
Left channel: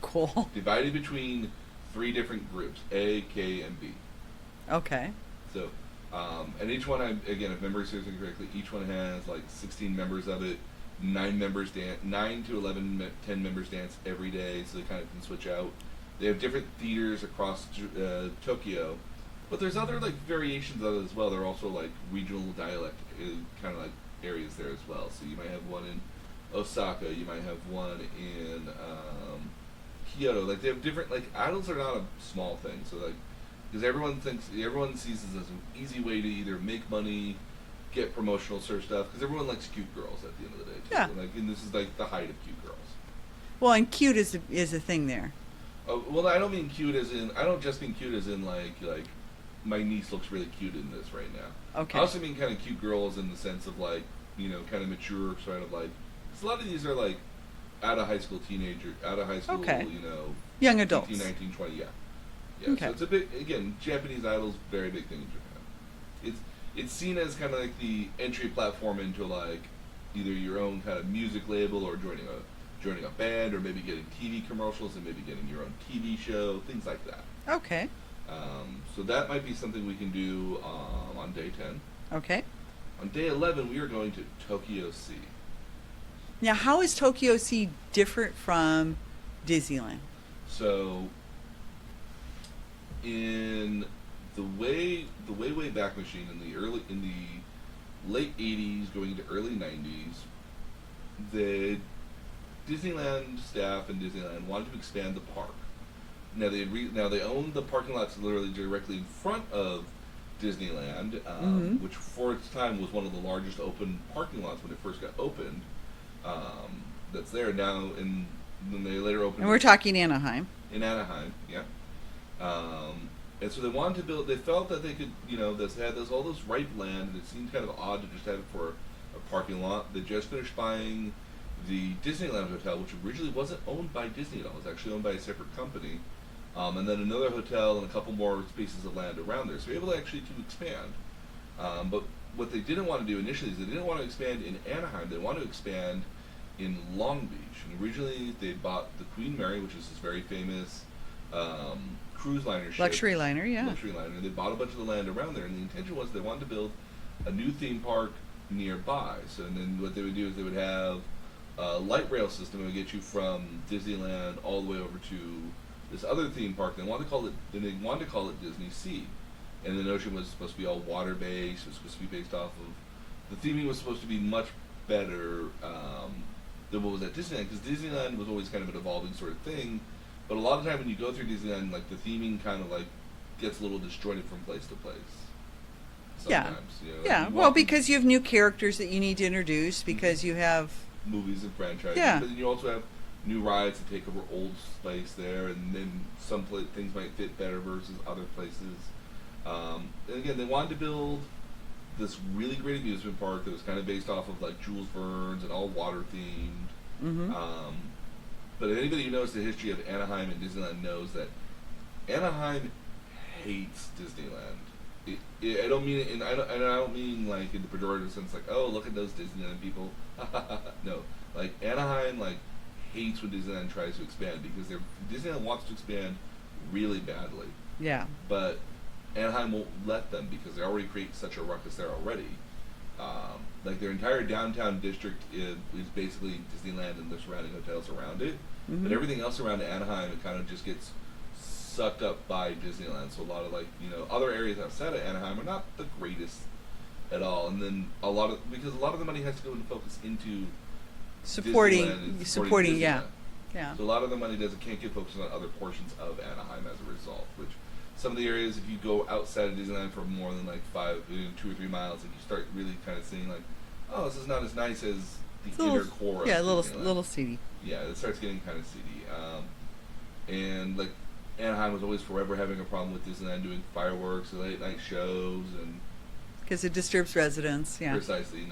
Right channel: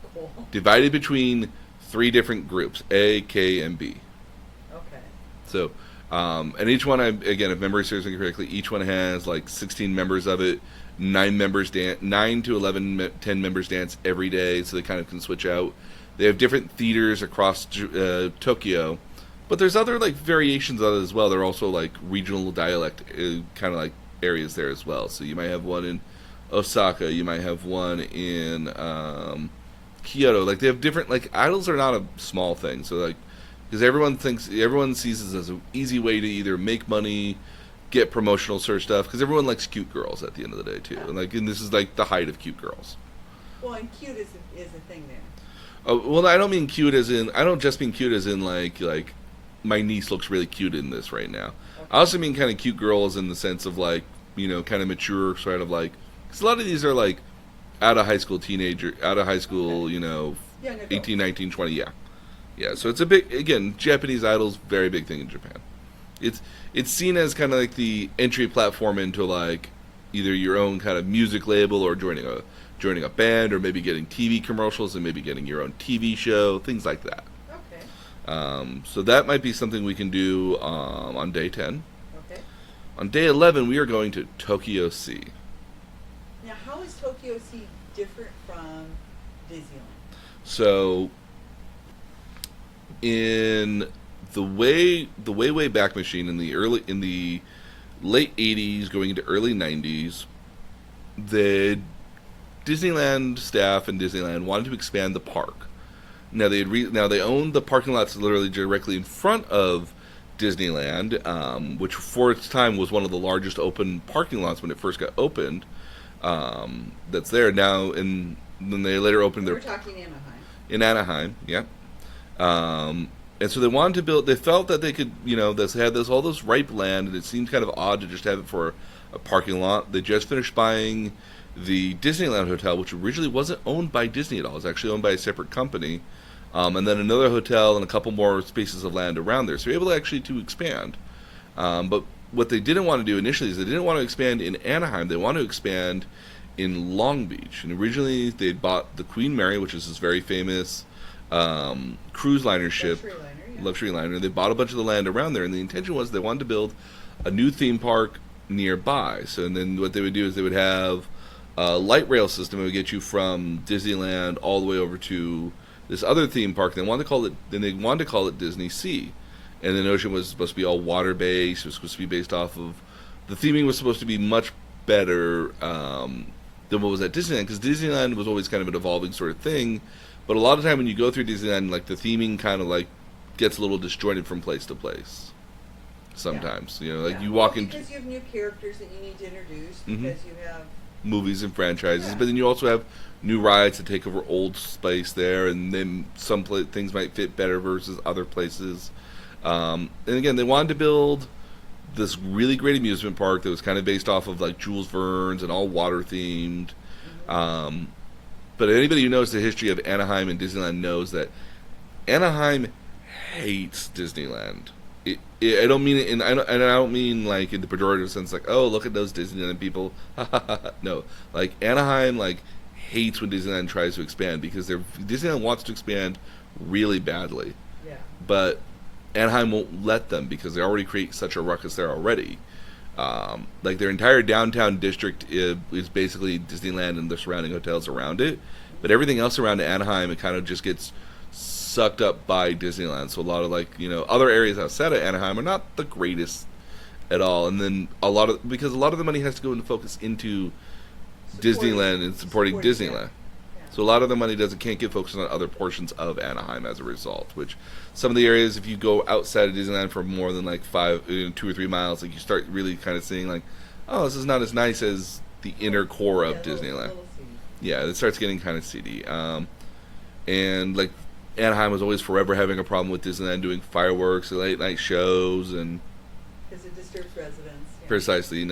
Cool. divided between 3 different groups, A, K, and B. Okay. So, and each one, again, if memory serves me correctly, each one has like 16 members of it. 9 to 11, 10 members dance every day, so they kind of can switch out. They have different theaters across Tokyo, but there's other like variations of it as well. They're also like regional dialect kind of like areas there as well. So you might have one in Osaka, you might have one in Kyoto. Like they have different, like idols are not a small thing. So like because everyone sees this as an easy way to either make money, get promotional sort of stuff, because everyone likes cute girls at the end of the day too. Yeah. And this is like the height of cute girls. Well, and cute is a thing there. Oh, well, I don't mean cute as in, I don't just mean cute as in like my niece looks really cute in this right now. Okay. I also mean kind of cute girls in the sense of like, kind of mature, sort of like, because a lot of these are like out of high school, Okay. Young adults. 18, 19, 20, yeah. Yeah, Okay. so it's a big, again, Japanese Idol's very big thing in Japan. It's seen as kind of like the entry platform into like either your own kind of music label or joining a band or maybe getting TV commercials and maybe getting your own TV show, things like that. Okay. So that might be something we can do on day 10. Okay. On day 11, we are going to Tokyo Sea. Now, how is Tokyo Sea different from Disneyland? So, in the way back machine in the late 80s, going into early 90s, the Disneyland staff and Disneyland wanted to expand the park. Now they owned the parking lots literally directly in front of Disneyland, which for its time was one of the largest open parking lots when it first got opened. That's there now, and then they later opened. And we're talking Anaheim. In Anaheim, yeah. And so they wanted to build. They felt that they could, they had all this ripe land, and it seemed kind of odd to just have it for a parking lot. They just finished buying the Disneyland Hotel, which originally wasn't owned by Disney at all. It was actually owned by a separate company. And then another hotel and a couple more spaces of land around there. So you're able to expand. But what they didn't want to do initially is they didn't want to expand in Anaheim. They wanted to expand in Long Beach. And originally they bought the Queen Mary, which is this very famous cruise liner ship. Luxury liner, yeah. Luxury liner. They bought a bunch of the land around there. And the intention was they wanted to build a new theme park nearby. So and then what they would do is they would have a light rail system that would get you from Disneyland all the way over to this other theme park. They wanted to call it Disney Sea, and the notion was supposed to be all water based. It was supposed to be based off of the theming was supposed to be much better than what was at Disneyland, because Disneyland was always kind of an evolving sort of thing. But a lot of time when you go through Disneyland, like the theming kind of like gets a little disjointed from place to place. Sometimes, Yeah. you Well, walk in because you have new characters that you need to introduce, because you have. movies and franchises, Yeah. but then you also have new rides to take over old space there, and then some things might fit better versus other places. And again, they wanted to build this really great amusement park that was kind of based off of like Jules Verne's and all water themed. But anybody who knows the history of Anaheim and Disneyland knows that Anaheim hates Disneyland. I don't mean it I don't mean like in the pejorative sense, like, oh, look at those Disneyland people. No, like Anaheim hates when Disneyland tries to expand, because Disneyland wants to expand really badly. Yeah. But Anaheim won't let them, because they already create such a ruckus there already. Like their entire downtown district is basically Disneyland and the surrounding hotels around it. But everything else around Anaheim, it kind of just gets sucked up by Disneyland. So a lot of other areas outside of Anaheim are not the greatest at all. And then because a lot of the money has to go into focus into Disneyland and supporting Disneyland. Yeah. So a lot of the money can't get focused on other portions of Anaheim as a result. Which some of the areas, if you go outside of Disneyland for more than 2 or 3 miles, you start really kind of seeing oh, this is not as nice as the inner core of Disneyland. Little seedy. Yeah, it starts getting kind of seedy. And Anaheim was always forever having a problem with Disneyland doing fireworks and late night shows, and because it disturbs residents. Yeah. precisely,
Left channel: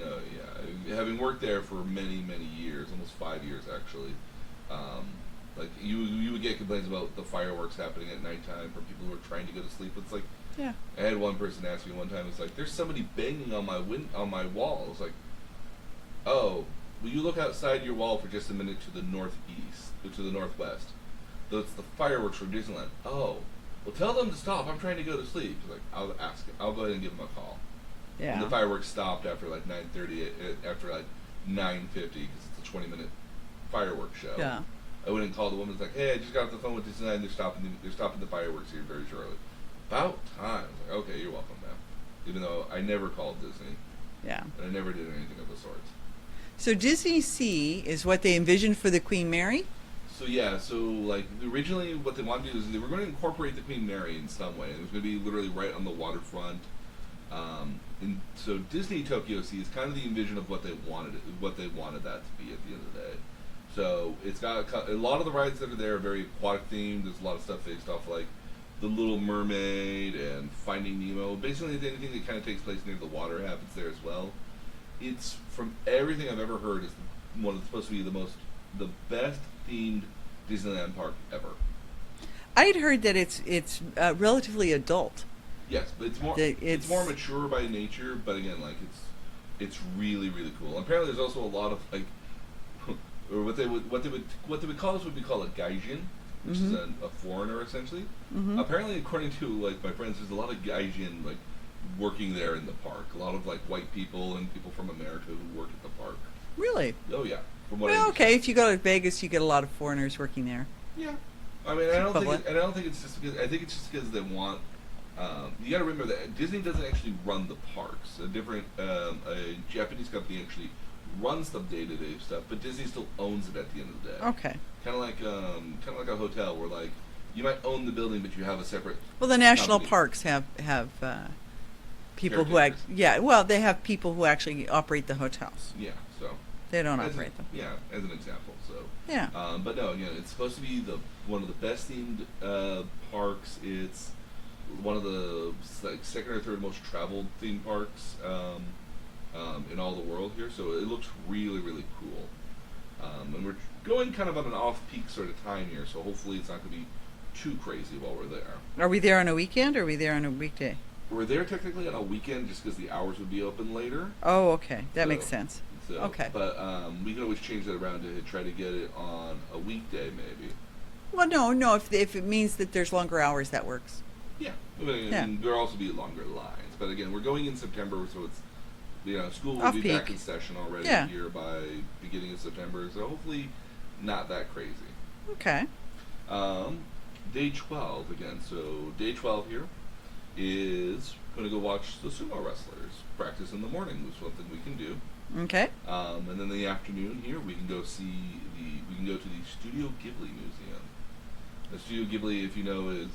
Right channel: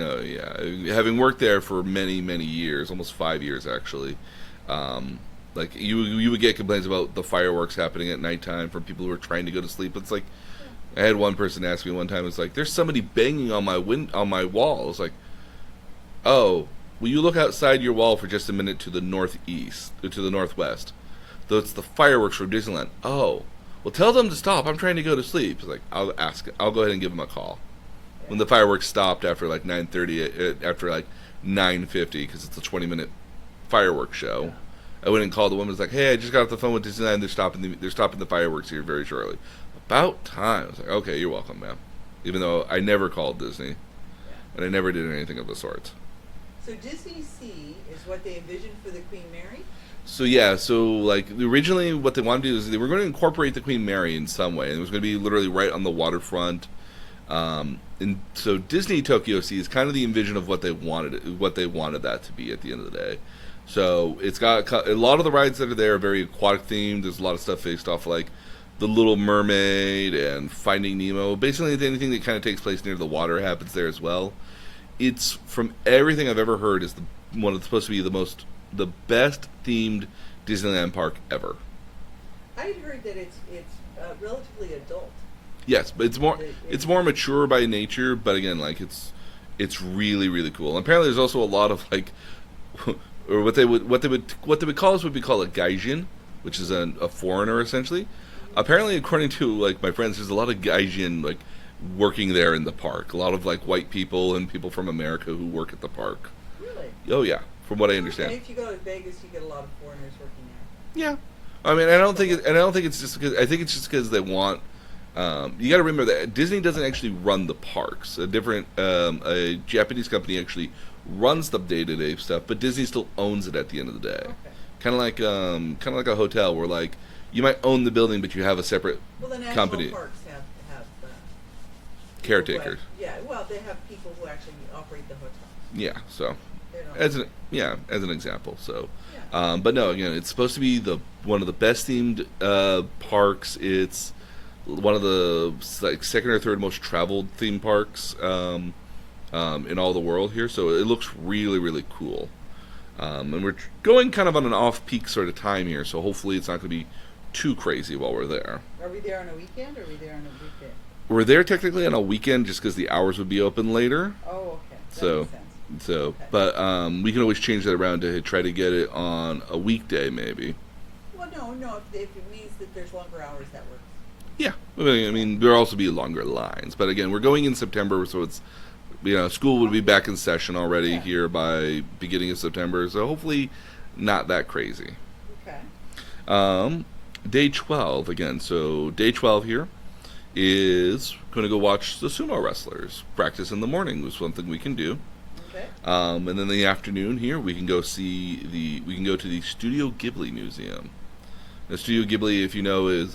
having worked there for many years, almost 5 years actually. You would get complaints about the fireworks happening at nighttime from people who are trying to go to sleep. It's I had one person ask me one time, it's there's somebody banging on my wall. It's oh, will you look outside your wall for just a minute to the northeast, or to the northwest? Though it's the fireworks from Disneyland. Oh, well, tell them to stop. I'm trying to go to sleep. It's I'll go ahead and give them a call. Yeah. When the fireworks stopped after 9:30, after 9:50, because it's a 20-minute fireworks show. Yeah. I went and called the woman. It's hey, I just got off the phone with Disneyland. They're stopping the fireworks here very shortly. About time. I was okay, you're welcome, ma'am. Even though I never called Disney. Yeah. And I never did anything of the sort. So Disney Sea is what they envisioned for the Queen Mary? So yeah, so like originally what they wanted to do is they were going to incorporate the Queen Mary in some way, and it was going to be literally right on the waterfront. And so Disney Tokyo Sea is kind of the envision of what they wanted that to be at the end of the day. So it's got a lot of the rides that are there are very aquatic themed. There's a lot of stuff based off like the Little Mermaid and Finding Nemo. Basically, anything that kind of takes place near the water happens there as well. It's from everything I've ever heard is the one that's supposed to be the best themed Disneyland park ever. I had heard that it's relatively adult. Yes, but it's more mature by nature. But again, like it's really really cool. And apparently, there's also a lot of like, or what they would call us would be called a gaijin, which is a foreigner essentially. Apparently, according to like my friends, there's a lot of gaijin like working there in the park. A lot of like white people and people from America who work at the park. Really? Oh yeah, from what I Well, understand. okay, if you go to Vegas, you get a lot of foreigners working there. Yeah, I mean, I don't Public. think it's just because I think it's just because they want. You got to remember that Disney doesn't actually run the parks. A Japanese company actually runs the day-to-day stuff, but Disney still owns it at the end of the day. Okay. Kind of like a hotel where like you might own the building, but you have a separate. Well, the national company. parks have people who Caretakers. well, they have people who actually operate the hotels. Yeah, so They don't as operate them. as an example. So Yeah. but no, again, it's supposed to be one of the best themed parks. It's one of the like second or third most traveled theme parks in all the world here. So it looks really really cool. And we're going kind of on an off-peak sort of time here, so hopefully it's not going to be too crazy while we're there. Are we there on a weekend or are we there on a weekday? We're there technically on a weekend just because the hours would be open later. Oh, okay. That So- makes sense. So, Okay. but we can always change that around to try to get it on a weekday, maybe. Well, no. If it means that there's longer hours, that works. Yeah, I mean, there'll also be longer lines. But again, we're going in September, so it's school would be Off-peak. back in session already Yeah. here by beginning of September. So hopefully, not that crazy. Okay. Day 12 again. So day 12 here is going to go watch the sumo wrestlers practice in the morning. Was something we can do. Okay. And then in the afternoon here, we can go to the Studio Ghibli Museum. The Studio Ghibli, if you know, is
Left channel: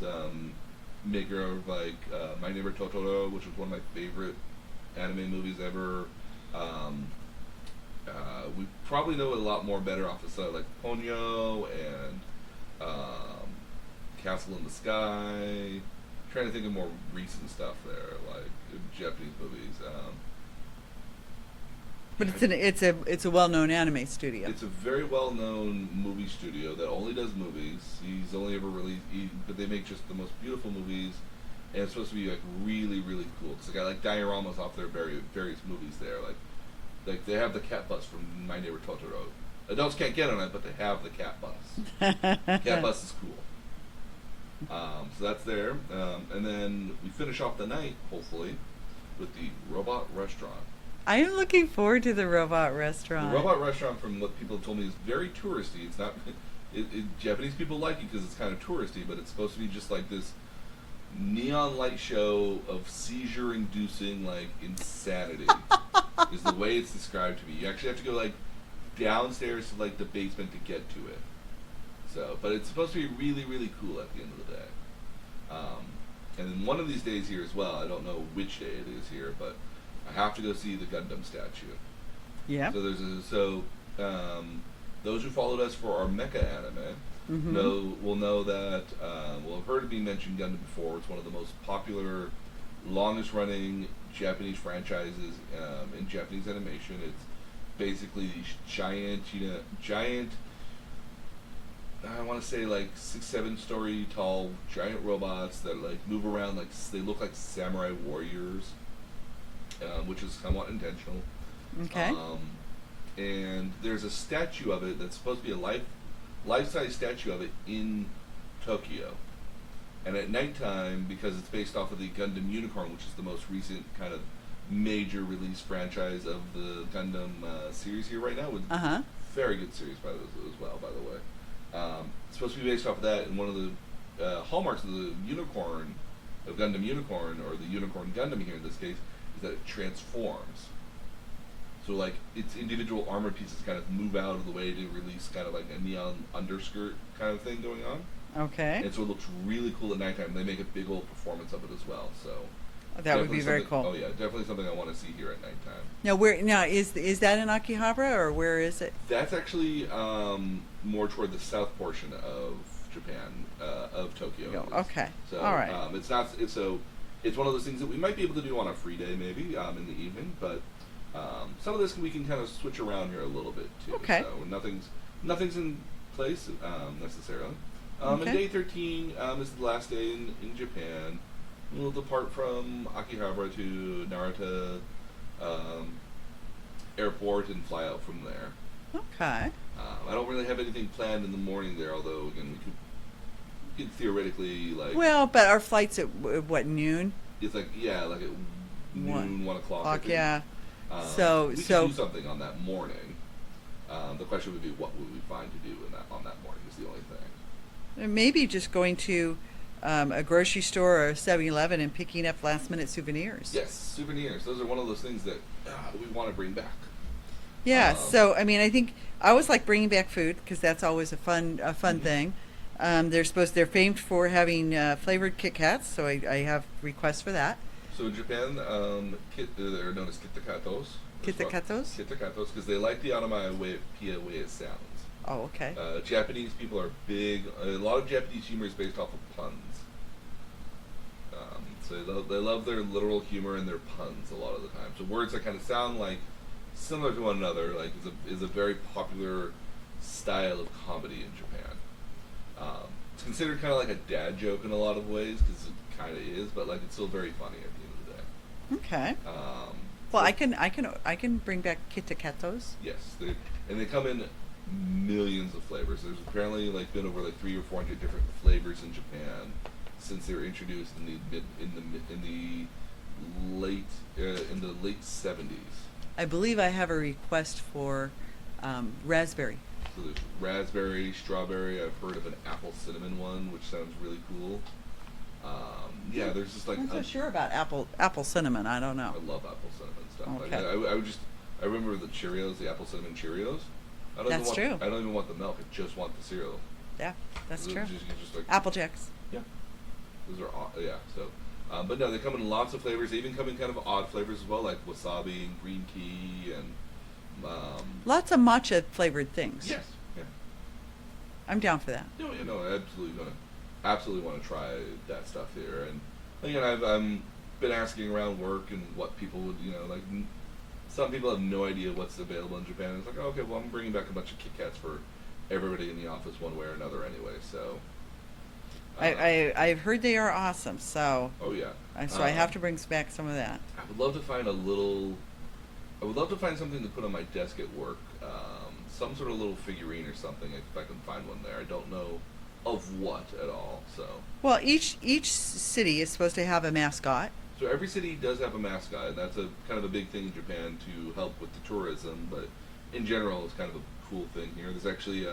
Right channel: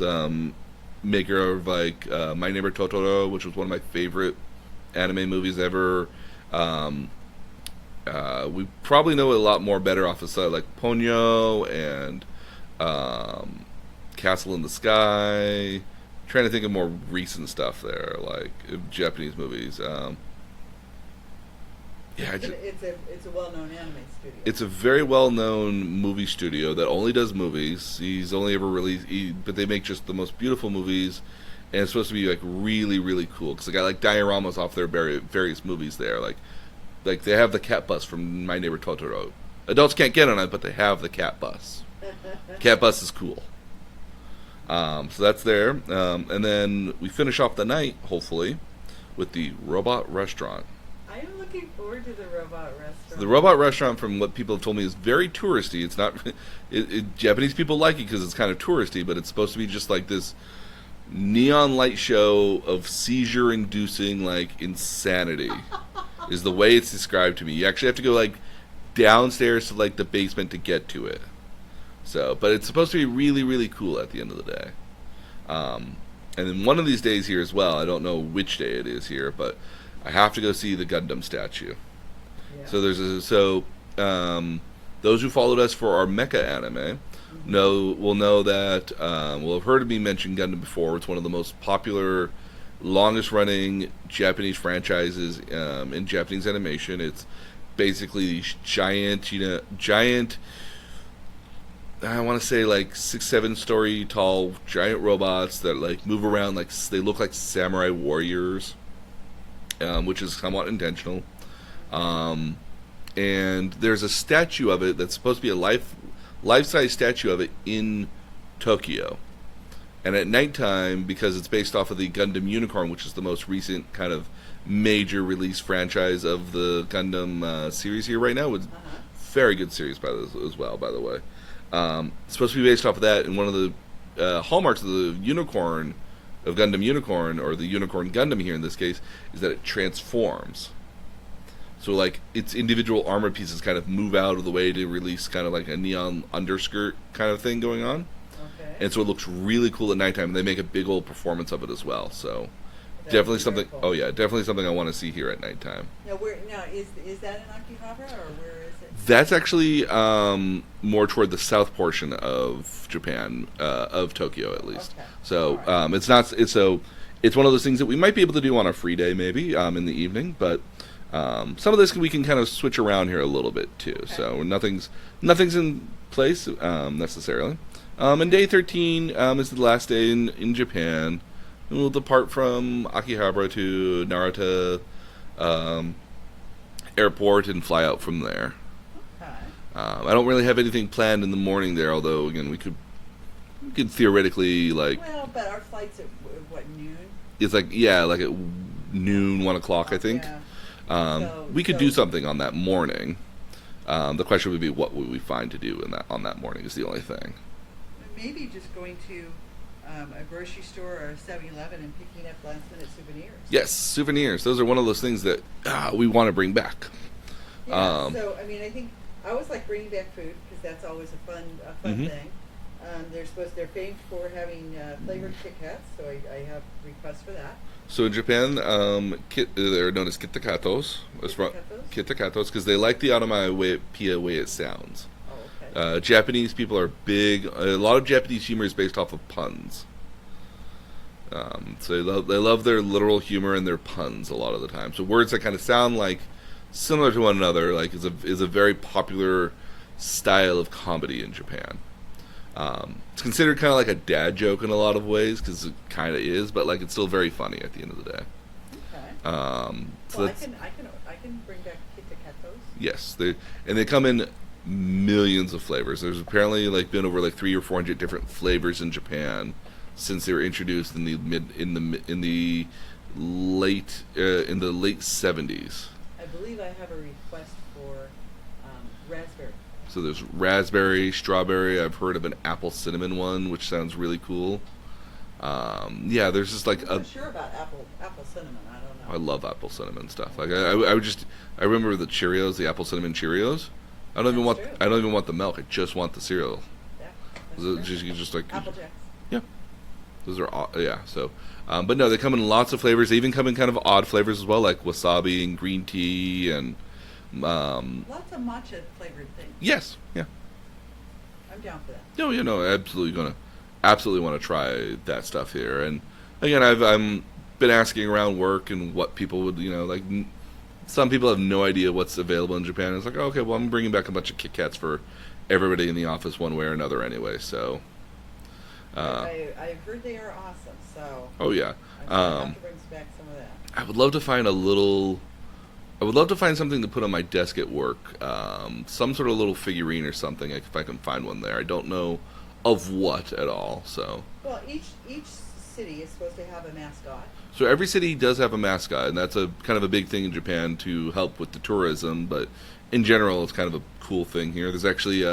maker of like My Neighbor Totoro, which was one of my favorite anime movies ever. We probably know it a lot more better off of stuff like Ponyo and Castle in the Sky. Trying to think of more recent stuff there, like Japanese movies. But it's a well-known anime studio. It's a very well-known movie studio that only does movies. He's only ever released, but they make just the most beautiful movies, and it's supposed to be like really, really cool. Because they got like dioramas off their various movies there. Like they have the cat bus from My Neighbor Totoro. Adults can't get on it, but they have the cat bus. Cat bus is cool. So that's there, and then we finish off the night, hopefully, with the Robot Restaurant. I am looking forward to the robot restaurant. The robot restaurant, from what people have told me, is very touristy. It's not. Japanese people like it because it's kind of touristy, but it's supposed to be just like this neon light show of seizure-inducing like insanity. Is the way it's described to me. You actually have to go like downstairs to like the basement to get to it. So, but it's supposed to be really, really cool at the end of the day. And then one of these days here as well. I don't know which day it is here, but I have to go see the Gundam statue. Yeah. So those who followed us for our mecha anime will know that will have heard me mention Gundam before. It's one of the most popular, longest running Japanese franchises in Japanese animation. It's basically these giant. I want to say like 6-7 story tall giant robots that like move around like they look like samurai warriors. Which is somewhat intentional. Okay. And there's a statue of it that's supposed to be a life-size statue of it in Tokyo. And at nighttime, because it's based off of the Gundam Unicorn, which is the most recent kind of major release franchise of the Gundam series here right now, it's very good series as well, by the way. It's supposed to be based off of that, and one of the hallmarks of the Unicorn, of Gundam Unicorn, or the Unicorn Gundam here in this case, is that it transforms. So like its individual armor pieces kind of move out of the way to release kind of like a neon underskirt kind of thing going on. Okay. And so it looks really cool at nighttime. They make a big old performance of it as well. So That definitely would be very something. cool. Oh yeah, definitely something I want to see here at nighttime. Now is that in Akihabra or where is it? That's actually more toward the south portion of Japan, of Tokyo at least. Okay. So All right. it's not. It's one of those things that we might be able to do on a free day, maybe in the evening. But some of this we can kind of switch around here a little bit too. Okay. So nothing's in place necessarily. And Okay. day 13 is the last day in Japan. And we'll depart from Akihabra to Narita airport and fly out from there. Okay. I don't really have anything planned in the morning there, although again we could theoretically Well, but our flight's at what, noon? it's like like at noon, 1 o'clock I think. Yeah. We could do something on that morning. The question would be what would we find to do on that morning is the only thing. Maybe just going to a grocery store or a 7-Eleven and picking up last-minute souvenirs. Yes, souvenirs. Those are one of those things that we want to bring back. Yeah. So I mean, I think I always like bringing back food because that's always a fun Mhm. thing. They're famed for having flavored Kit Kats, so I have requests for that. So in Japan, they're known as kitakatos. Kitakatos? Kitakatos, because they like the onomatopoeia way it sounds. Oh, okay. Japanese people are big. A lot of Japanese humor is based off of puns. So they love their literal humor and their puns a lot of the time. So words that kind of sound like similar to one another, like is a very popular style of comedy in Japan. It's considered kind of like a dad joke in a lot of ways because it kind of is, but like it's still very funny at the end of the day. Okay. So Well, I can bring back Kitakatos. yes, they come in millions of flavors. There's apparently been over 300 or 400 different flavors in Japan since they were introduced in the late 70s. I believe I have a request for raspberry. So there's raspberry, strawberry. I've heard of an apple cinnamon one, which sounds really cool. There's just I'm not sure about apple cinnamon. I don't know. I love apple cinnamon stuff. Okay. I remember the Cheerios, the apple cinnamon Cheerios. I don't That's true. even want the milk. I just want the cereal. Yeah, that's You true. just Apple Jacks. Yeah, those are so. But no, they come in lots of flavors. They even come in kind of odd flavors as well, like wasabi and green tea and. Lots of matcha flavored things. Yes, yeah. I'm down for that. No, absolutely want to try that stuff here. And again, I'm been asking around work and what people would some people have no idea what's available in Japan. It's like, okay, well, I'm bringing back a bunch of Kit Kats for everybody in the office one way or another anyway. So I've heard they are awesome. So oh yeah, so I have to bring back some of that. I would love to find something to put on my desk at work. Some sort of little figurine or something, if I can find one there. I don't know of what at all. So Well, each city is supposed to have a mascot. so every city does have a mascot, and that's a kind of a big thing in Japan to help with the tourism. But in general, it's kind of a cool thing here. There's actually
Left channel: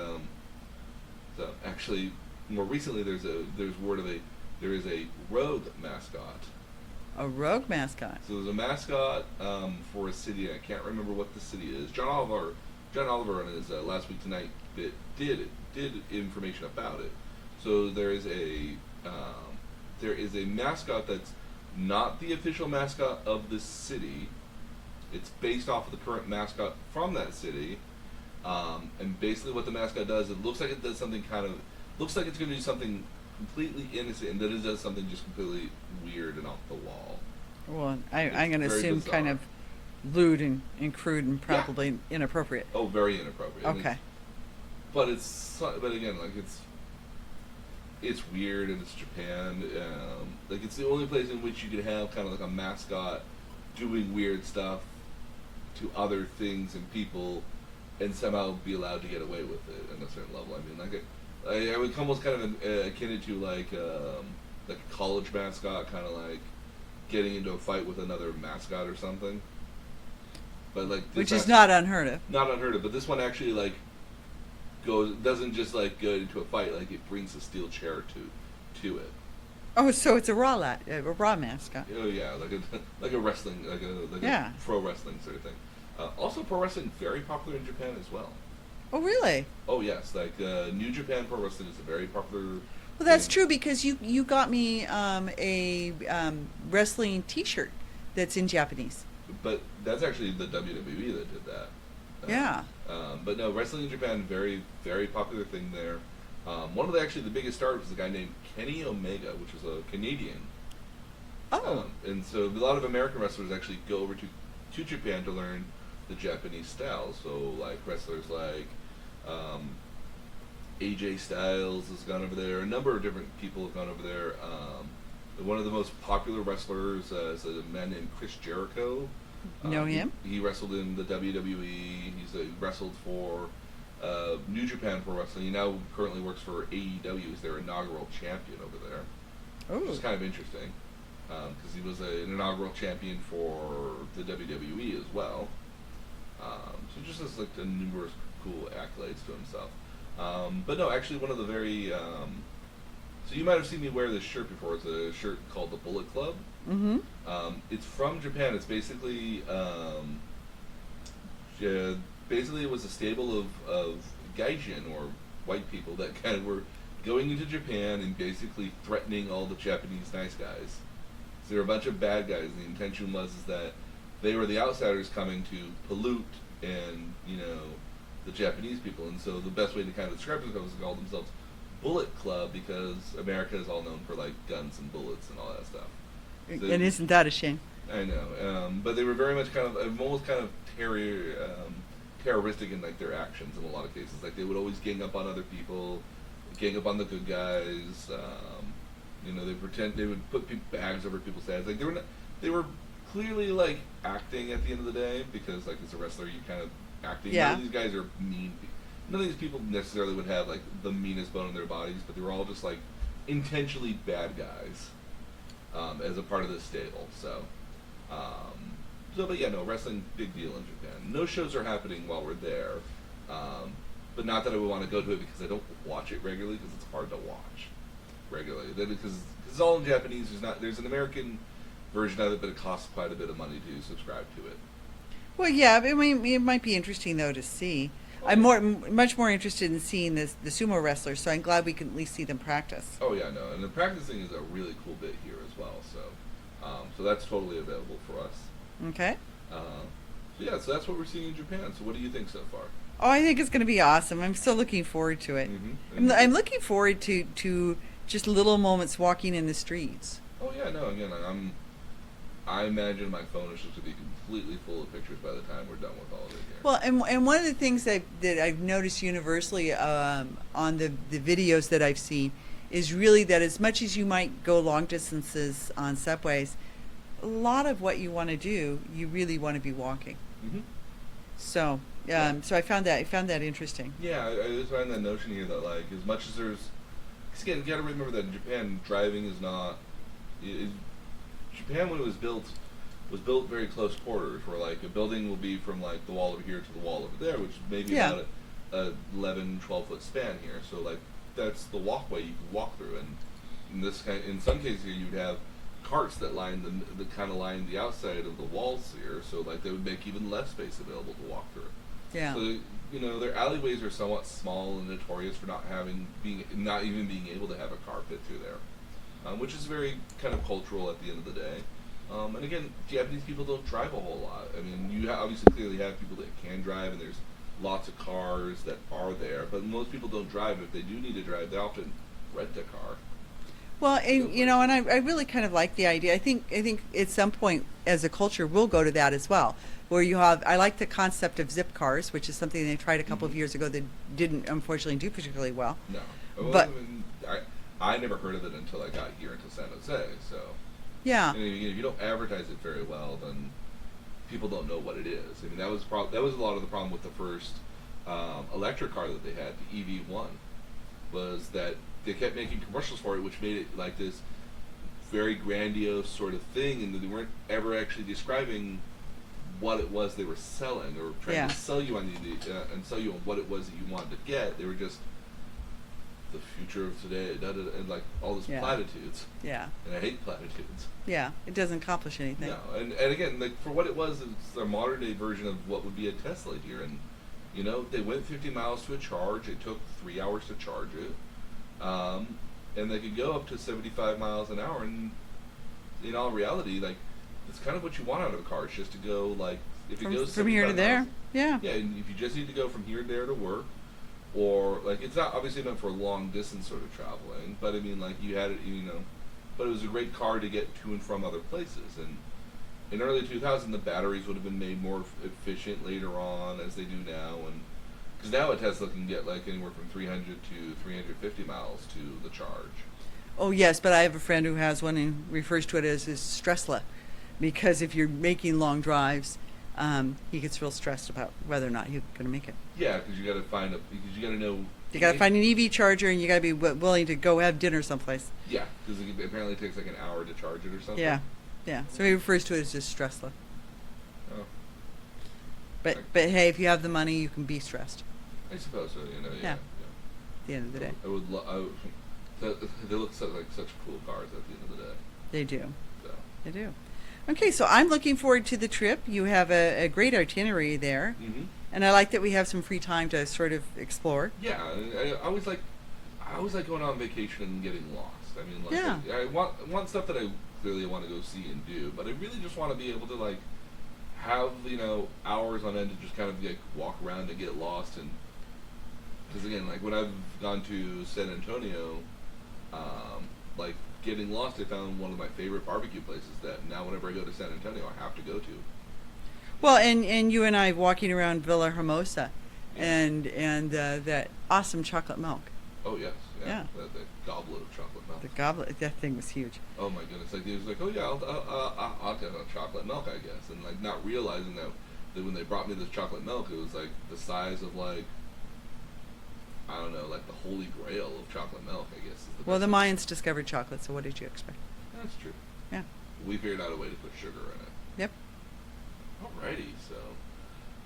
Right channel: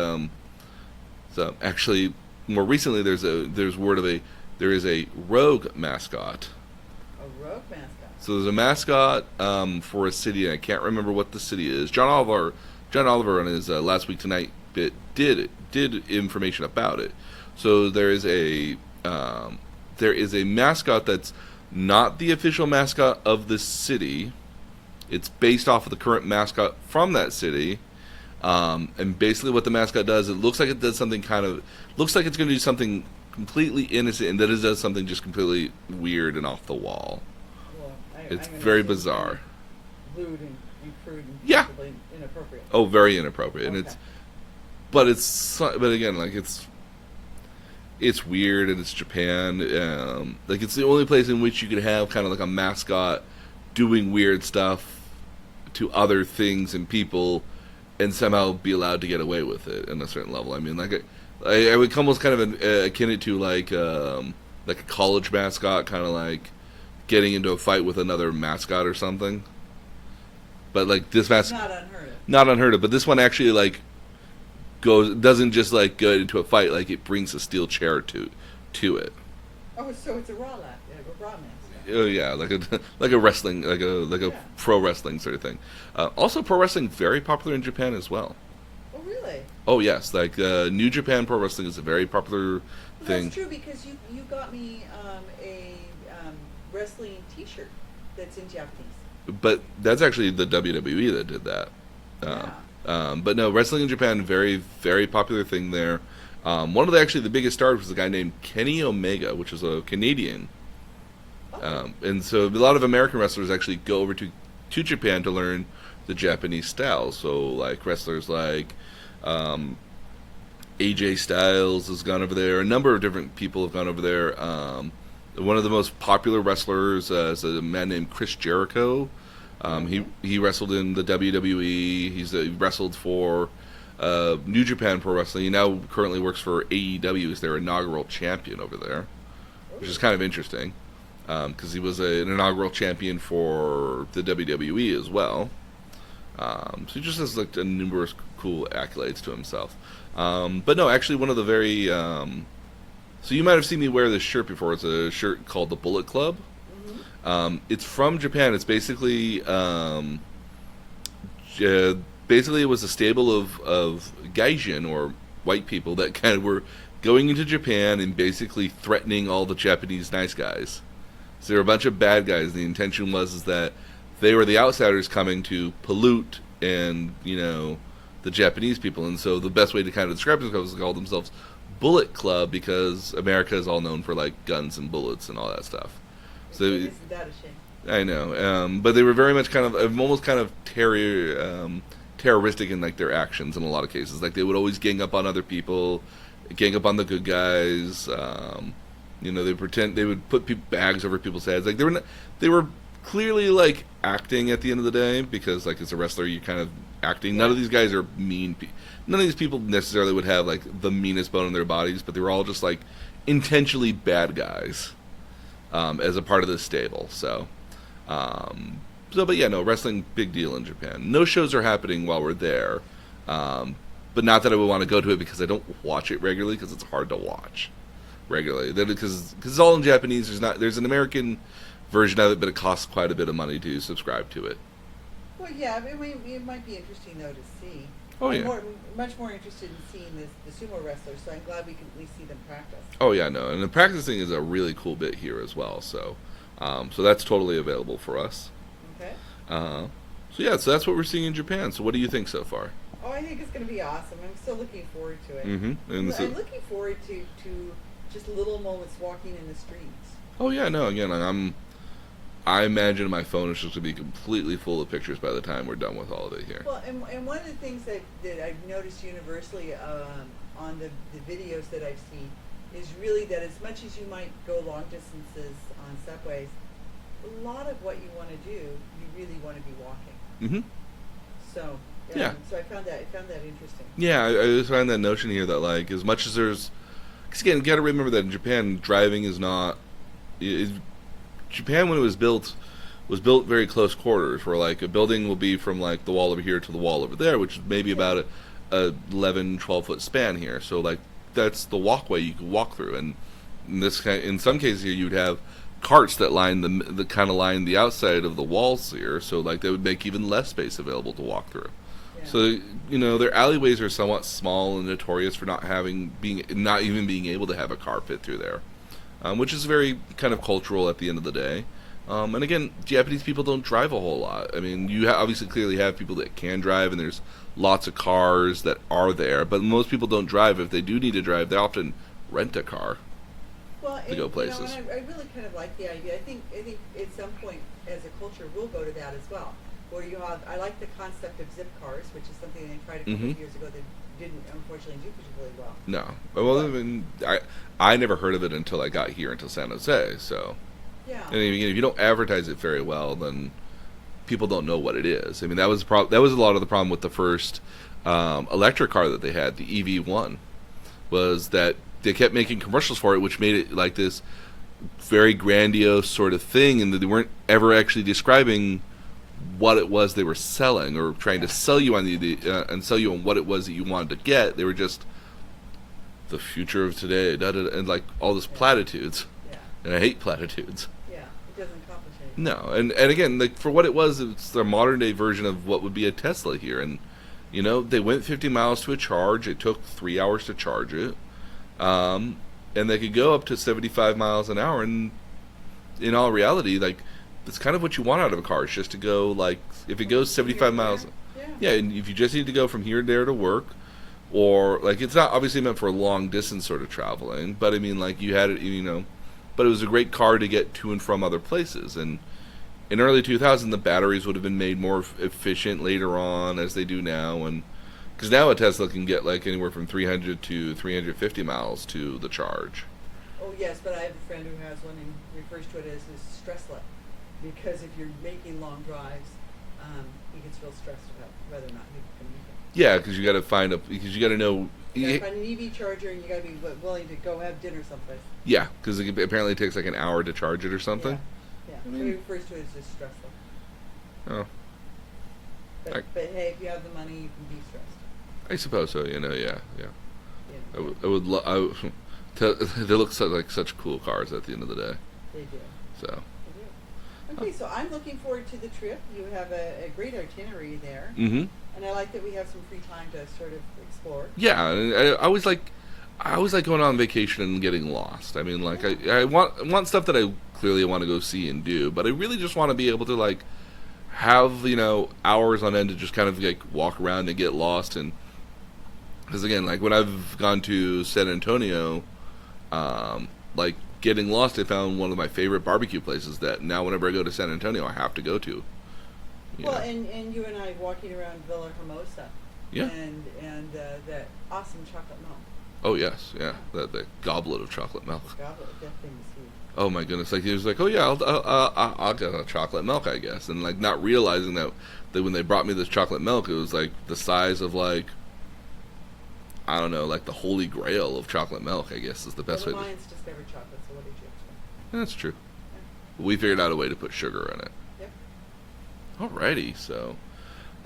more recently there is a rogue mascot. A rogue mascot. So there's a mascot for a city, and I can't remember what the city is. John Oliver on his Last Week Tonight bit did information about it. So there is a mascot that's not the official mascot of the city. It's based off of the current mascot from that city. And basically what the mascot does, it looks like it does something looks like it's going to do something completely innocent, and then it does something just completely weird and off the wall. Well, I'm It's going to very assume bizarre. kind of lewd and crude and Yeah. probably inappropriate. Oh, very inappropriate. And Okay. but again, it's weird, and it's Japan. It's the only place in which you could have kind of like a mascot doing weird stuff to other things and people, and somehow be allowed to get away with it in a certain level. I mean, I would almost kind of akin it to like a college mascot, kind of like getting into a fight with another mascot or something. But this Which is not unheard of. not unheard of. But this one actually doesn't just go into a fight. It brings a steel chair to it. Oh, so it's a raw mascot. Oh yeah, like a like a wrestling, like a Yeah. pro wrestling sort of thing. Also, pro wrestling very popular in Japan as well. Oh, really? Oh yes, like New Japan Pro Wrestling is a very popular Well, that's thing. true because you got me a wrestling T-shirt that's in Japanese. But that's actually the WWE that did that. Yeah. But no, wrestling in Japan, very very popular thing there. One of the biggest stars was a guy named Kenny Omega, which is a Canadian. Oh. And so a lot of American wrestlers actually go over to Japan to learn the Japanese style. So like wrestlers like AJ Styles has gone over there. A number of different people have gone over there. One of the most popular wrestlers is a man named Chris Jericho. Know him? He wrestled in the WWE. He wrestled for New Japan Pro Wrestling. He now currently works for AEW as their inaugural champion over there, which is Oh. kind of interesting because he was an inaugural champion for the WWE as well. So he just has like a numerous cool accolades to himself. But no, actually, one of the very so you might have seen me wear this shirt before. It's a shirt called the Bullet Club. Mm-hmm. It's from Japan. It's basically basically it was a stable of gaijin or white people that kind of were going into Japan and basically threatening all the Japanese nice guys. So they were a bunch of bad guys. The intention was is that they were the outsiders coming to pollute and the Japanese people. And so the best way to kind of describe themselves is to call themselves Bullet Club because America is all known for like guns and bullets and all that stuff. So, And isn't that a shame? I know, but they were very much kind of almost kind of terroristic in like their actions in a lot of cases. Like they would always gang up on other people, gang up on the good guys. They would put bags over people's heads. Like they were clearly like acting at the end of the day because like as a wrestler you're kind of acting. Yeah. None of these guys are mean. None of these people necessarily would have like the meanest bone in their bodies, but they were all just like intentionally bad guys as a part of this stable. But yeah, no, wrestling big deal in Japan. No shows are happening while we're there, but not that I would want to go to it because I don't watch it regularly because it's hard to watch regularly. Because it's all in Japanese. There's an American version of it, but it costs quite a bit of money to subscribe to it. Well, yeah, I mean, it might be interesting though to see. Oh, I'm yeah. much more interested in seeing the sumo wrestlers, so I'm glad we can at least see them practice. Oh yeah, no, and the practicing is a really cool bit here as well. So that's totally available for us. Okay. So that's what we're seeing in Japan. So what do you think so far? Oh, I think it's going to be awesome. I'm still looking forward to it. Mm-hmm. I'm looking forward to just little moments walking in the streets. Oh yeah, no. Again, I imagine my phone is just going to be completely full of pictures by the time we're done with all of it here. Well, and one of the things that I've noticed universally on the videos that I've seen is really that as much as you might go long distances on subways, a lot of what you want to do, you really want to be walking. Mm-hmm. So, Yeah. so I found that interesting. Yeah, I just find that notion here that like as much as there's, because again, you got to remember that in Japan, driving is not. Japan when it was built very close quarters, where like a building will be from like the wall over here to the wall over there, which is maybe about a 11, 12 foot span here. So like that's the walkway you can walk through, and in some cases here you'd have carts that line the kind of line the outside of the walls here, so like they would make even less space available to walk through. Yeah. So their alleyways are somewhat small and notorious for not even being able to have a car fit through there, which is very kind of cultural at the end of the day. And again, Japanese people don't drive a whole lot. I mean, you obviously clearly have people that can drive, and there's lots of cars that are there, but most people don't drive. If they do need to drive, they often rent a car. Well, to go and I places. really kind of like the idea. I think at some point as a culture we'll go to that as well, where I like the concept of zip cars, which is something they tried a couple of Mhm. years ago that didn't unfortunately do particularly well. No, well, But- I mean, I never heard of it until I got here into San Jose. So, Yeah. and again, if you don't advertise it very well, then people don't know what it is. I mean, that was a lot of the problem with the first electric car that they had, the EV1, was that they kept making commercials for it, which made it like this very grandiose sort of thing, and that they weren't ever actually describing what it was they were selling or trying Yeah. to sell you on and sell you on what it was that you wanted to get. They were just the future of today, and like all this Yeah. platitudes. Yeah. And I hate platitudes. Yeah. It doesn't accomplish anything. No, and again, like for what it was, it's the modern day version of what would be a Tesla here. And you know, they went 50 miles to a charge. It took 3 hours to charge it, and they could go up to 75 miles an hour. And in all reality, like it's kind of what you want out of a car. It's just to go like if it goes From here 75 to miles. there. Yeah. Yeah, and if you just need to go from here to there to work, or like it's not obviously meant for long distance sort of traveling, but I mean like you had it, you know, but it was a great car to get to and from other places. And in early 2000, the batteries would have been made more efficient later on as they do now, and because now a Tesla can get like anywhere from 300 to 350 miles to the charge. Oh yes, but I have a friend who has one and refers to it as his stressla, because if you're making long drives, he gets real stressed about whether or not he's going to make it. Yeah, because you got to because you got to know. You got to find an EV charger, and you got to be willing to go have dinner someplace. Yeah, because it apparently takes like an hour to charge it or something. Yeah, yeah. So he refers to it as just stressla. Oh, But hey, if you have the money, you can be stressed. I suppose so. You know, yeah. At the end of the day. I would love. They look like such cool cars at the end of the day. They do. So. They do. Okay, so I'm looking forward to the trip. You have a great itinerary there, and I like that we have some free time to sort of explore. Yeah, and I always like going on vacation and getting lost. I mean, like Yeah. I want stuff that I clearly want to go see and do, but I really just want to be able to like have hours on end to just kind of like walk around and get lost. And because again, like when I've gone to San Antonio, like getting lost, I found one of my favorite barbecue places that now whenever I go to San Antonio, I have to go to. Well, and you and I walking around Villa Hermosa, Yeah. and that awesome chocolate milk. Oh yes, yeah. Yeah. The goblet of chocolate milk. The goblet, that thing was huge. Oh my goodness! Like he was like, oh yeah, I'll get a chocolate milk, I guess, and like not realizing that when they brought me this chocolate milk, it was like the size of like, I don't know, like the holy grail of chocolate milk, I guess is the best. Well, the way Mayans discovered chocolate, so what did you expect? That's true. Yeah. We figured out a way to put sugar in it. Yep. Alrighty, so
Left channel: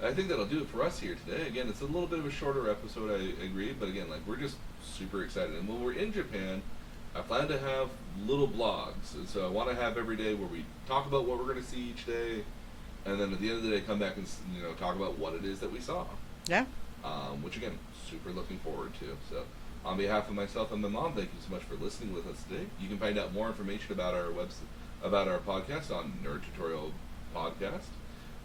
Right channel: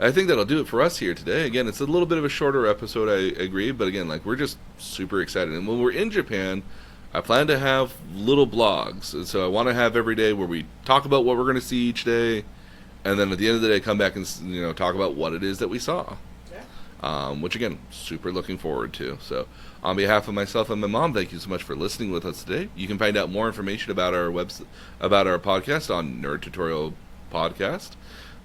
I think that'll do it for us here today. Again, it's a little bit of a shorter episode, I agree, but again, like we're just super excited. And when we're in Japan, I plan to have little blogs, and so I want to have every day where we talk about what we're going to see each day, and then at the end of the day, come back and talk about what it is that we saw. Yeah. Which again, super looking forward to. So, on behalf of myself and my mom, thank you so much for listening with us today. You can find out more information about our about our podcast on Nerd Tutorial Podcast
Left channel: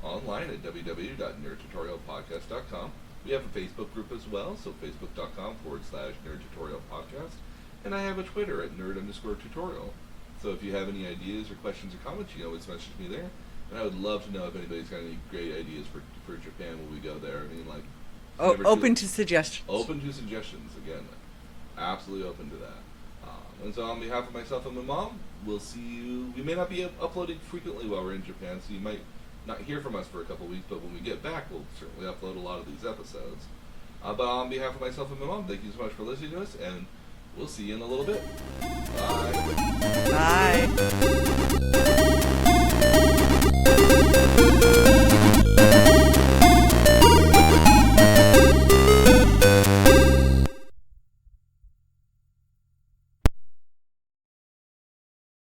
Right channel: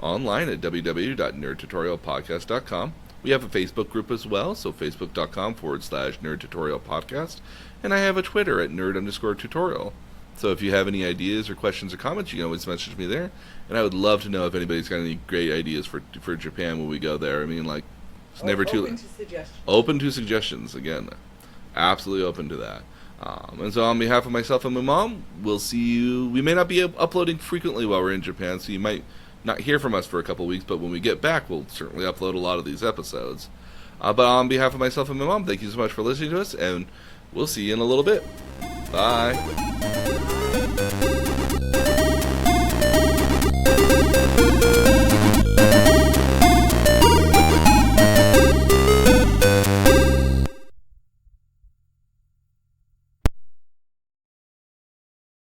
online at www.nerdtutorialpodcast.com. We have a Facebook group as well, so facebook.com/Nerd Tutorial Podcast, and I have a Twitter at nerd_tutorial. So if you have any ideas or questions or comments, you can always message me there, and I would love to know if anybody's got any great ideas for Japan when we go there. I mean, like. Open to suggestions. Open to suggestions, again. Absolutely open to that. And so on behalf of myself and my mom, we'll see you. We may not be uploading frequently while we're in Japan, so you might not hear from us for a couple weeks, but when we get back, we'll certainly upload a lot of these episodes. But on behalf of myself and my mom, thank you so much for listening to us, and we'll see you in a little bit. Bye. Bye.